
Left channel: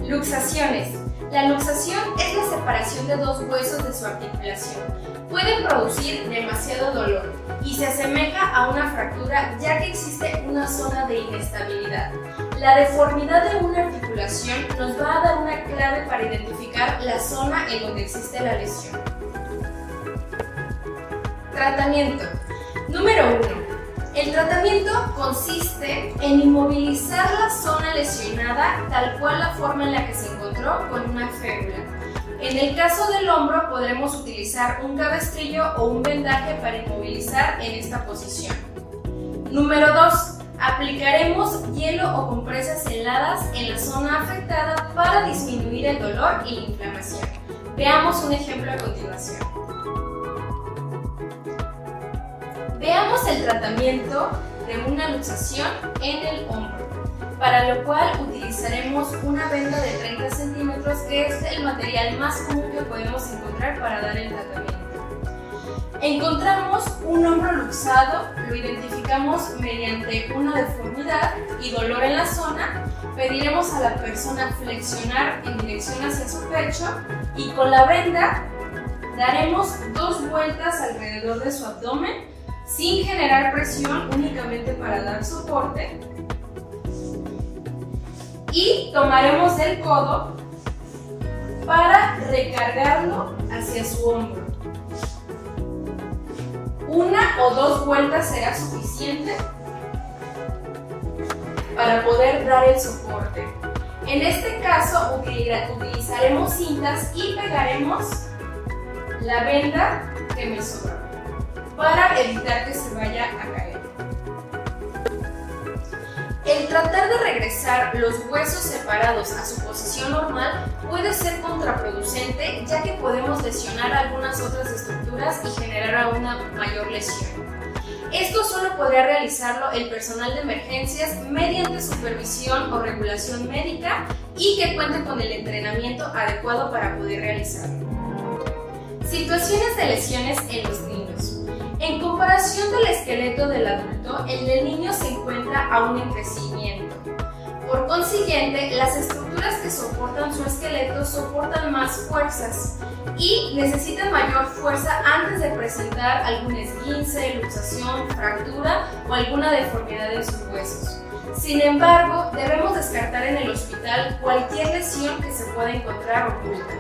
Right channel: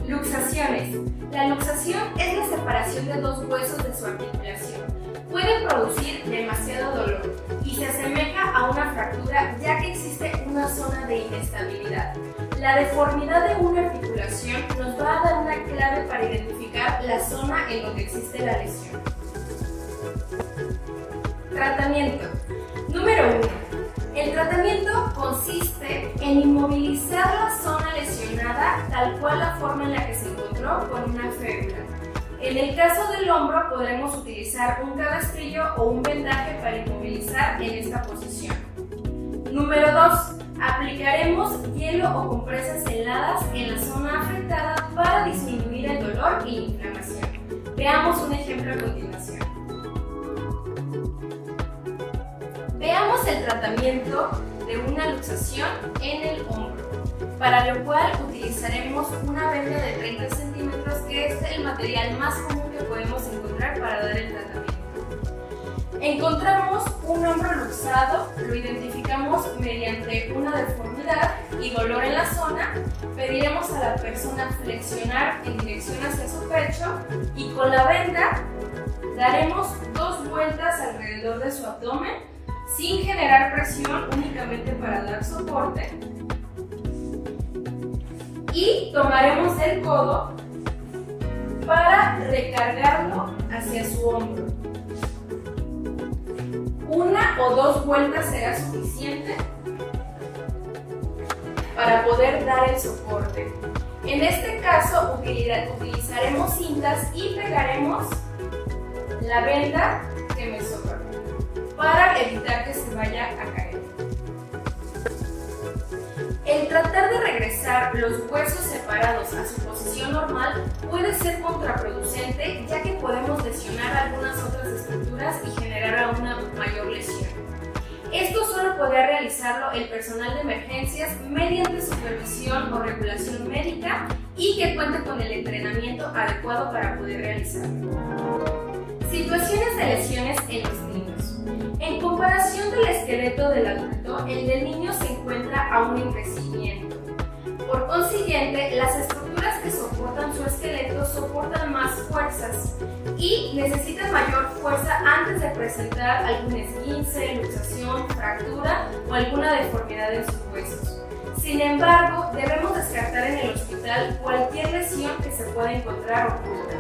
Luxaciones. La luxación es la separación de 2 huesos de su articulación. Puede producir demasiado dolor y se asemeja a una fractura ya que existe una zona de inestabilidad. La deformidad de una articulación nos va a dar una clave para identificar la zona en donde existe la lesión. Tratamiento. Número 1. El tratamiento consiste en inmovilizar la zona lesionada tal cual la forma en la que se encontró con una férula. En el caso del hombro podremos utilizar un cabestrillo o un vendaje para inmovilizar en esta posición. Número 2. Aplicaremos hielo o compresas heladas en la zona afectada para disminuir el dolor y la inflamación. Veamos un ejemplo a continuación. Veamos el tratamiento de una luxación en el hombro, para lo cual utilizaremos una venda de 30 centímetros, que es el material más común que podemos encontrar para dar el tratamiento. Encontramos un hombro luxado, lo identificamos mediante una deformidad y dolor en la zona, pediremos a la persona flexionar en dirección hacia su pecho y con la venda daremos 2 vueltas alrededor de su abdomen sin generar presión, únicamente para dar soporte, y tomaremos el codo para recargarlo hacia su hombro. 1 o 2 vueltas será suficiente para poder dar el soporte. En este caso utilizaremos cintas y pegaremos la venda que me sobró para evitar que se vaya a caer. El tratar de regresar los huesos separados a su posición normal puede ser contraproducente, ya que podemos lesionar algunas otras estructuras y generar una mayor lesión. Esto solo podrá realizarlo el personal de emergencias mediante supervisión o regulación médica y que cuente con el entrenamiento adecuado para poder realizarlo. Situaciones de lesiones en los niños. En comparación del esqueleto del adulto, el del niño se encuentra aún en crecimiento. Por consiguiente, las estructuras que soportan su esqueleto soportan más fuerzas y necesitan mayor fuerza antes de presentar algún esguince, luxación, fractura o alguna deformidad en sus huesos. Sin embargo, debemos descartar en el hospital cualquier lesión que se pueda encontrar oculta.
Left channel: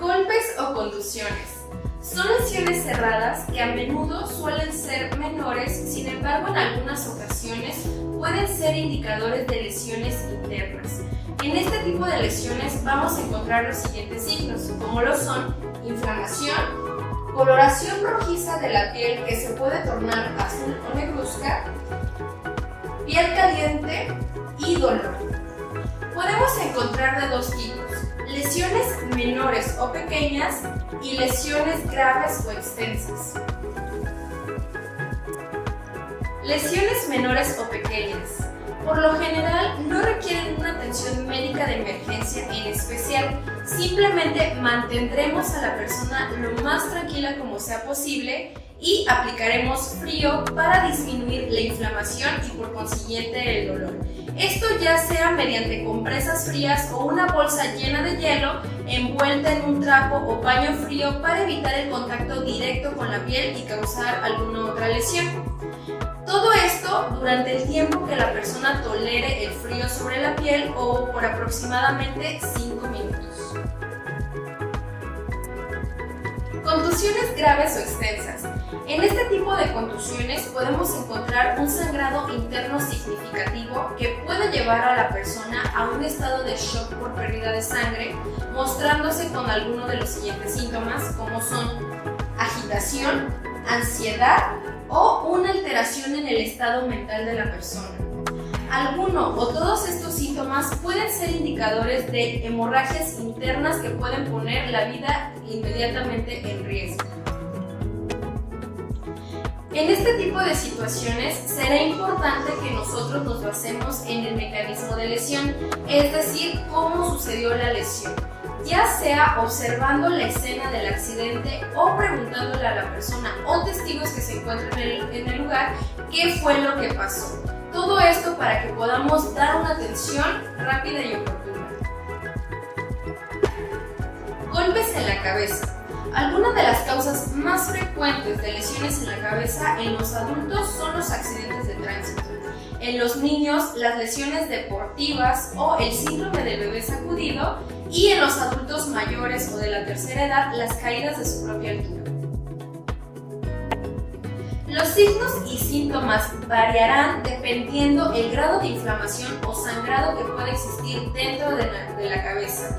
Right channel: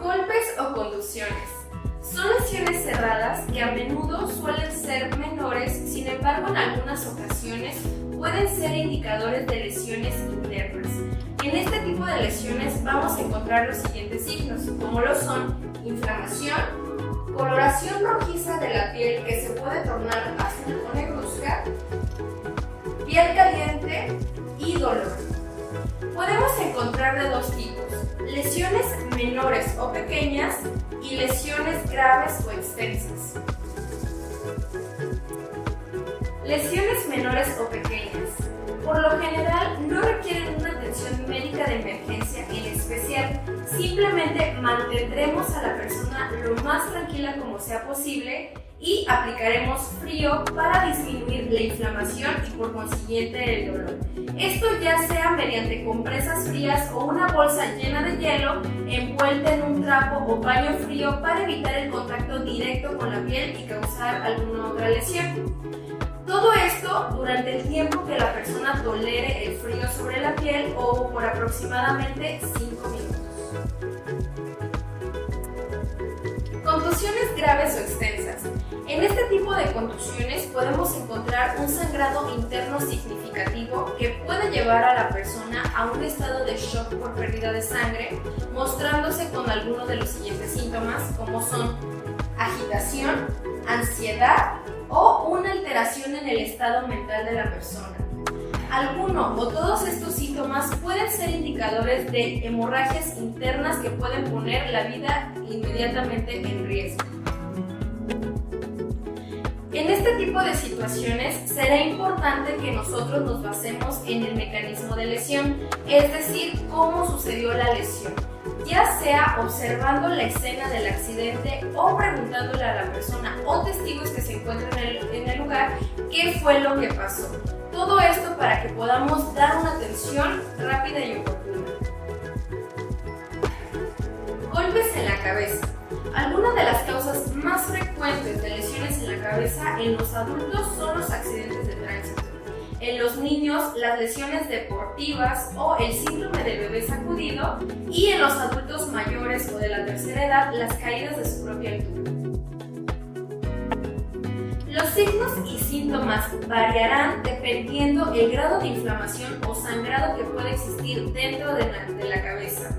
Golpes o contusiones. Son lesiones cerradas que a menudo suelen ser menores, sin embargo en algunas ocasiones pueden ser indicadores de lesiones internas. En este tipo de lesiones vamos a encontrar los siguientes signos, como lo son inflamación, coloración rojiza de la piel que se puede tornar azul o negruzca, piel caliente y dolor. Podemos encontrar de dos tipos: lesiones menores o pequeñas y lesiones graves o extensas. Lesiones menores o pequeñas. Por lo general no requieren una atención médica de emergencia en especial, simplemente mantendremos a la persona lo más tranquila como sea posible y aplicaremos frío para disminuir la inflamación y por consiguiente el dolor. Esto ya sea mediante compresas frías o una bolsa llena de hielo envuelta en un trapo o paño frío para evitar el contacto directo con la piel y causar alguna otra lesión. Todo esto durante el tiempo que la persona tolere el frío sobre la piel o por aproximadamente 5 minutos. Contusiones graves o extensas. En este tipo de contusiones podemos encontrar un sangrado interno significativo que puede llevar a la persona a un estado de shock por pérdida de sangre, mostrándose con algunos de los siguientes síntomas, como son agitación, ansiedad o una alteración en el estado mental de la persona. Alguno o todos estos síntomas pueden ser indicadores de hemorragias internas que pueden poner la vida inmediatamente en riesgo. En este tipo de situaciones será importante que nosotros nos basemos en el mecanismo de lesión, es decir, cómo sucedió la lesión, ya sea observando la escena del accidente o preguntándole a la persona o testigos que se encuentran en el lugar qué fue lo que pasó. Todo esto para que podamos dar una atención rápida y oportuna. Golpes en la cabeza. Algunas de las causas más frecuentes de lesiones en la cabeza en los adultos son los accidentes de tránsito. En los niños, las lesiones deportivas o el síndrome del bebé sacudido, y en los adultos mayores o de la tercera edad, las caídas de su propia altura. Los signos y síntomas variarán dependiendo el grado de inflamación o sangrado que pueda existir dentro de la cabeza.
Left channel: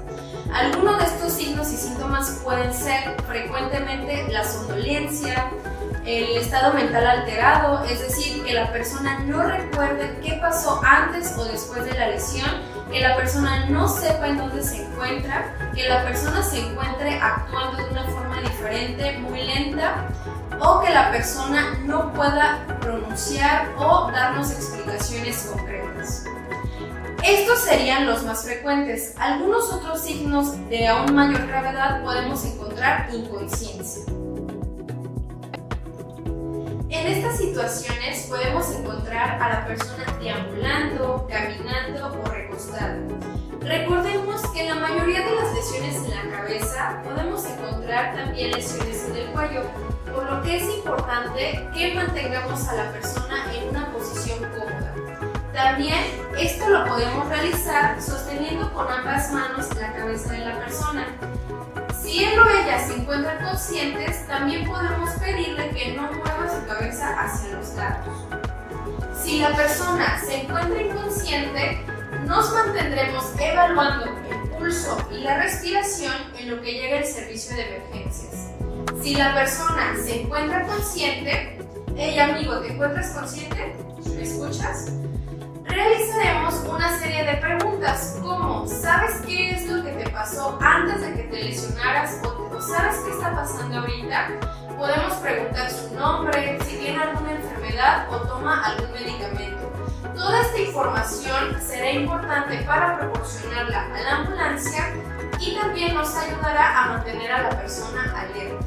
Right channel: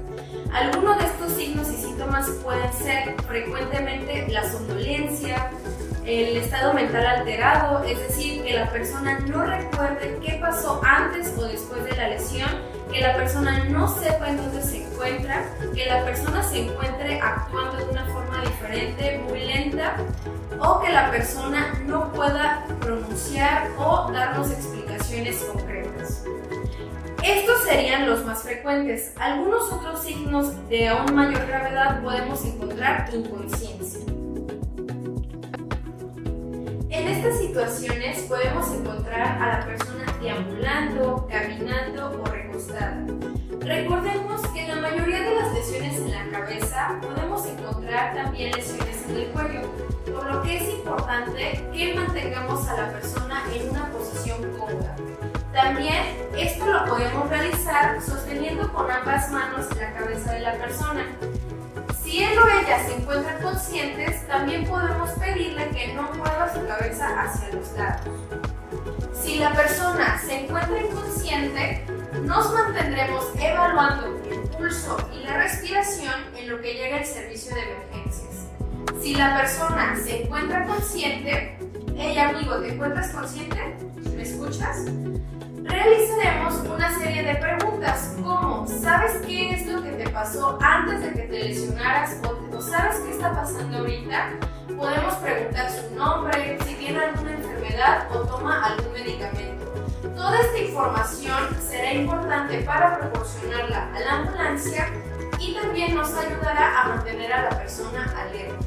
Algunos de estos signos y síntomas pueden ser frecuentemente la somnolencia, el estado mental alterado, es decir, que la persona no recuerde qué pasó antes o después de la lesión, que la persona no sepa en dónde se encuentra, que la persona se encuentre actuando de una forma diferente, muy lenta, o que la persona no pueda pronunciar o darnos explicaciones concretas. Estos serían los más frecuentes. Algunos otros signos de aún mayor gravedad podemos encontrar inconsciencia. En estas situaciones podemos encontrar a la persona deambulando, caminando o recostada. Recordemos que en la mayoría de las lesiones en la cabeza podemos encontrar también lesiones en el cuello, por lo que es importante que mantengamos a la persona en una posición cómoda. También esto lo podemos realizar sosteniendo con ambas manos la cabeza de la persona. Si él o ella se encuentran conscientes, también podemos pedirle que no mueva su cabeza hacia los lados. Si la persona se encuentra inconsciente, nos mantendremos evaluando el pulso y la respiración en lo que llega el servicio de emergencias. Si la persona se encuentra consciente, hey amigo, ¿te encuentras consciente? ¿Me escuchas? Realizaremos una serie de preguntas como ¿sabes qué es lo que te pasó antes de que te lesionaras o sabes qué está pasando ahorita? Podemos preguntar su nombre, si tiene alguna enfermedad o toma algún medicamento. Toda esta información será importante para proporcionarla a la ambulancia y también nos ayudará a mantener a la persona alerta.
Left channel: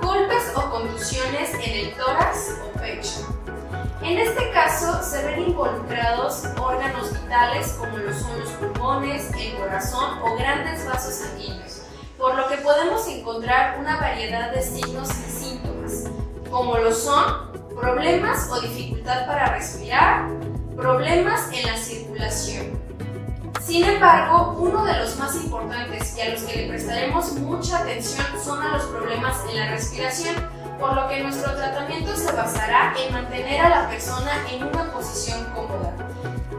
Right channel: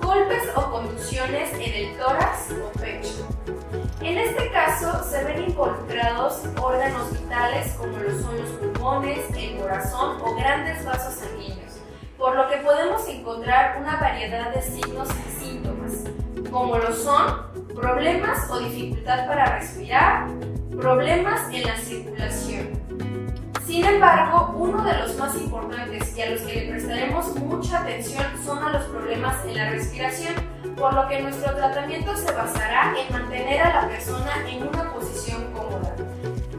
Golpes o contusiones en el tórax o pecho. En este caso se se ven involucrados órganos vitales como lo son los pulmones, el corazón o grandes vasos sanguíneos, por lo que podemos encontrar una variedad de signos y síntomas, como lo son problemas o dificultad para respirar, problemas en la circulación. Sin embargo, uno de los más importantes y a los que le prestaremos mucha atención son a los problemas en la respiración, por lo que nuestro tratamiento se basará en mantener a la persona en una posición cómoda.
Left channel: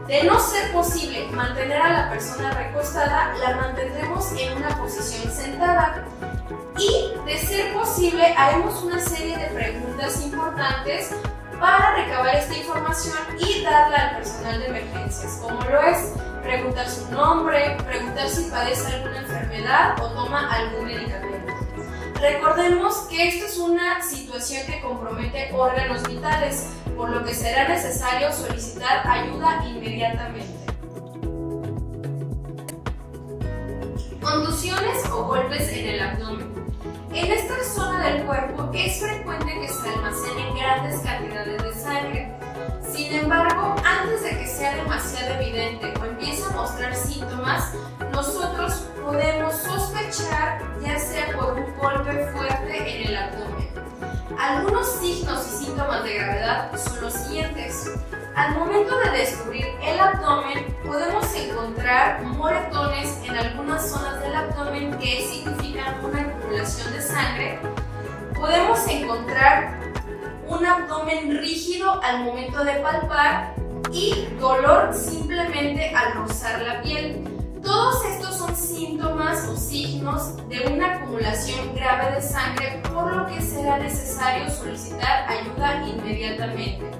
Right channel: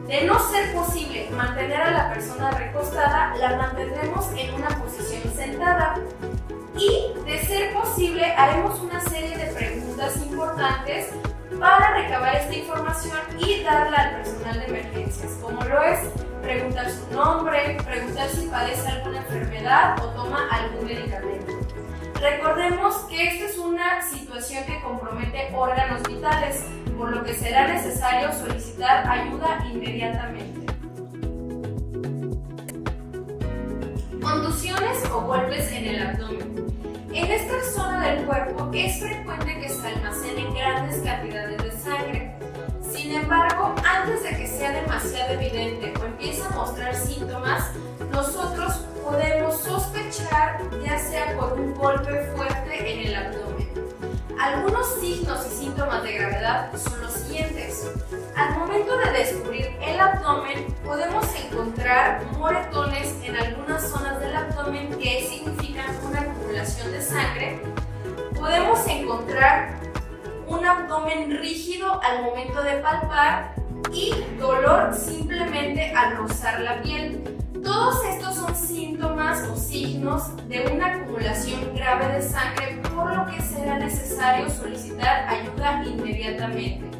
De no ser posible mantener a la persona recostada, la mantendremos en una posición sentada. Y, de ser posible, haremos una serie de preguntas importantes para recabar esta información y darla al personal de emergencias, como lo es preguntar su nombre, preguntar si padece alguna enfermedad o toma algún medicamento. Recordemos que esta es una situación que compromete órganos vitales, por lo que será necesario solicitar ayuda inmediatamente. Contusiones o golpes en el abdomen. En esta zona del cuerpo es frecuente que se almacenen grandes cantidades de sangre. Sin embargo, antes de que sea demasiado evidente o empiece a mostrar síntomas, nosotros podemos sospechar, ya sea por un golpe fuerte en el abdomen. Algunos signos y síntomas de gravedad son los siguientes. Al momento de descubrir el abdomen, podemos encontrar moretones en algunas zonas del abdomen que significan una acumulación de sangre. Podemos encontrar un abdomen rígido al momento de palpar y dolor simplemente al rozar la piel. Todos estos son síntomas o signos de una acumulación grave de sangre, por lo que será necesario solicitar ayuda inmediatamente.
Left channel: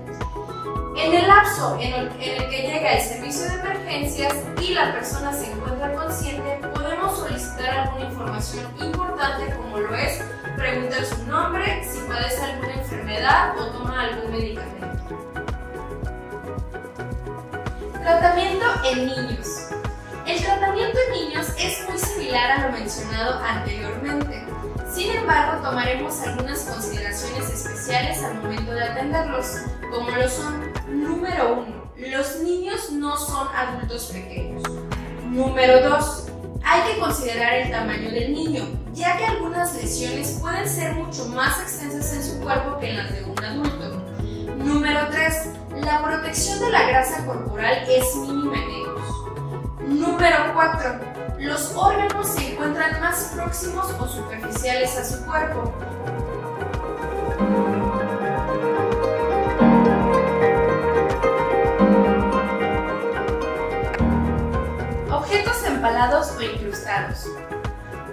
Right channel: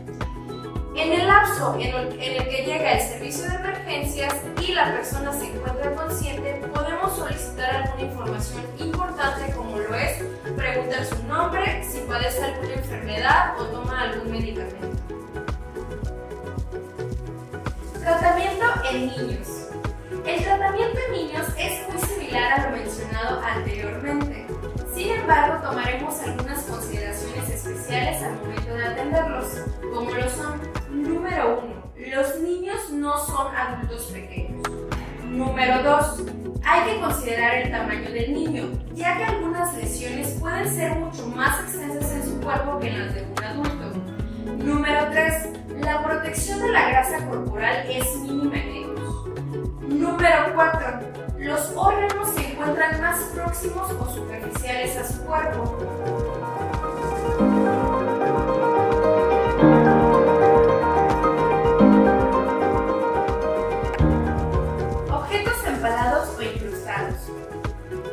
En el lapso en el que llega el servicio de emergencias y la persona se encuentra consciente, podemos solicitar alguna información importante, como lo es preguntar su nombre, si padece alguna enfermedad o toma algún medicamento. Tratamiento en niños. El tratamiento en niños es muy similar a lo mencionado anteriormente. Sin embargo, tomaremos algunas consideraciones especiales al momento de atenderlos, como lo son: número 1. Los niños no son adultos pequeños. Número 2. Hay que considerar el tamaño del niño, ya que algunas lesiones pueden ser mucho más extensas en su cuerpo que en las de un adulto. Número 3. La protección de la grasa corporal es mínima en ellos. Número 4. Los órganos se encuentran más próximos o superficiales a su cuerpo. Objetos empalados o incrustados.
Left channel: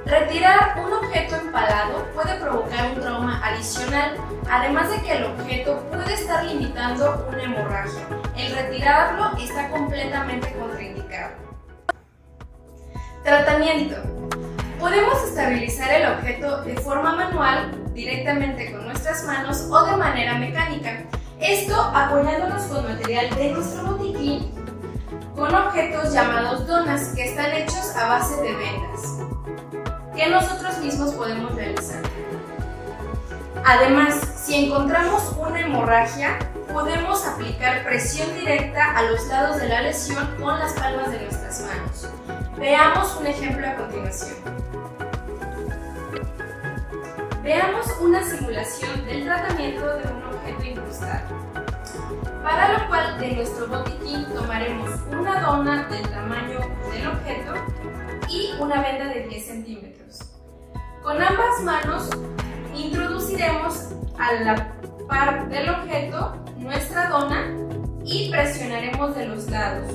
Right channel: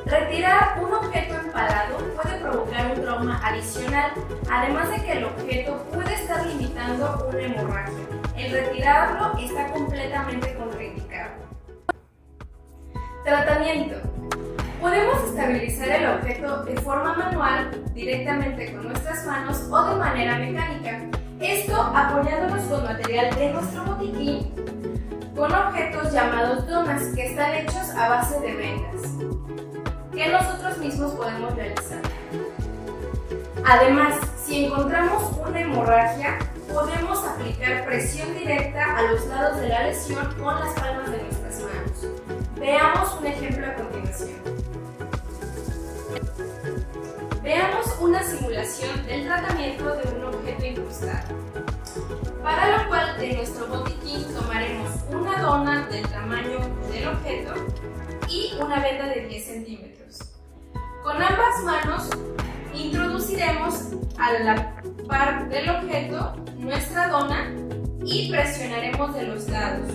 Retirar un objeto empalado puede provocar un trauma adicional, además de que el objeto puede estar limitando una hemorragia. El retirarlo está completamente contraindicado. Tratamiento. Podemos estabilizar el objeto de forma manual, directamente con nuestras manos o de manera mecánica. Esto apoyándonos con material de nuestro botiquín, con objetos llamados donas, que están hechos a base de vendas, que nosotros mismos podemos realizar. Además, si encontramos una hemorragia, podemos aplicar presión directa a los lados de la lesión con las palmas de nuestras manos. Veamos un ejemplo a continuación. Veamos una simulación del tratamiento de un objeto incrustado, para lo cual de nuestro botiquín tomaremos una dona del tamaño del objeto y una venda de 10 centímetros. Con ambas manos introduciremos a la par del objeto nuestra dona y presionaremos de los lados,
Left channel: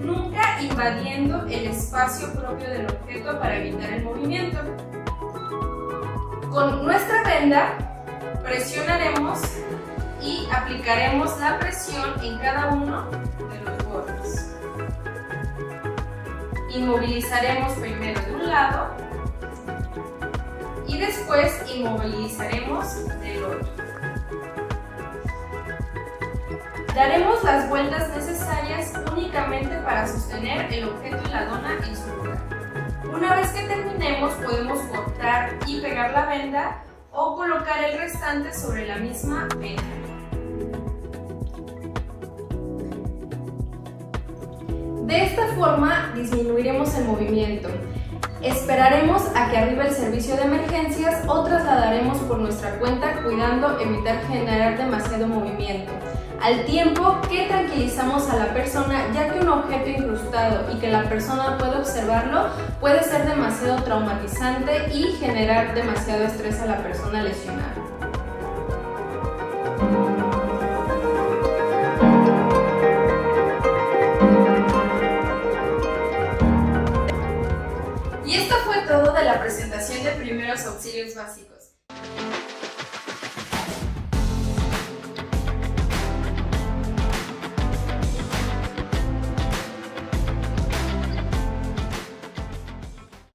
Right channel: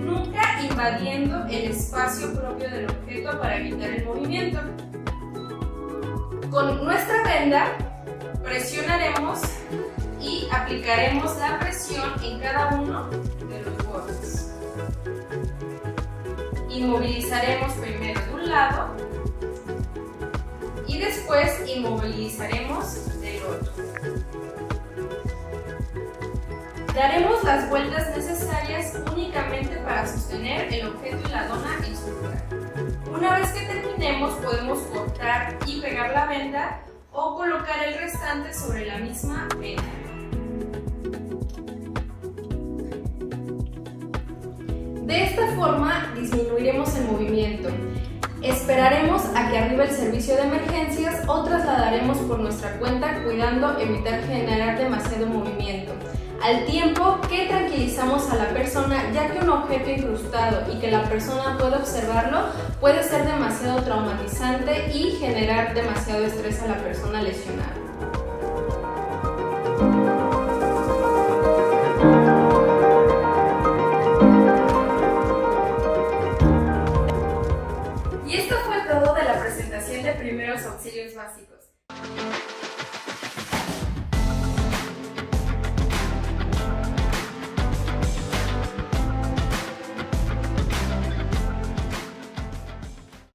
nunca invadiendo el espacio propio del objeto para evitar el movimiento. Con nuestra venda presionaremos y aplicaremos la presión en cada uno de los bordes. Inmovilizaremos primero de un lado y después inmovilizaremos del otro. Daremos las vueltas necesarias únicamente para sostener el objeto y la dona en su lugar. Una vez que terminemos, podemos cortar y pegar la venda o colocar el restante sobre la misma venda. De esta forma disminuiremos el movimiento. Esperaremos a que arribe el servicio de emergencias o trasladaremos por nuestra cuenta cuidando evitar generar demasiado movimiento. Al tiempo que tranquilizamos a la persona, ya que un objeto incrustado y que la persona pueda observarlo puede ser demasiado traumatizante y generar demasiado estrés a la persona lesionada. Y esto fue todo de la presentación de primeros auxilios básicos.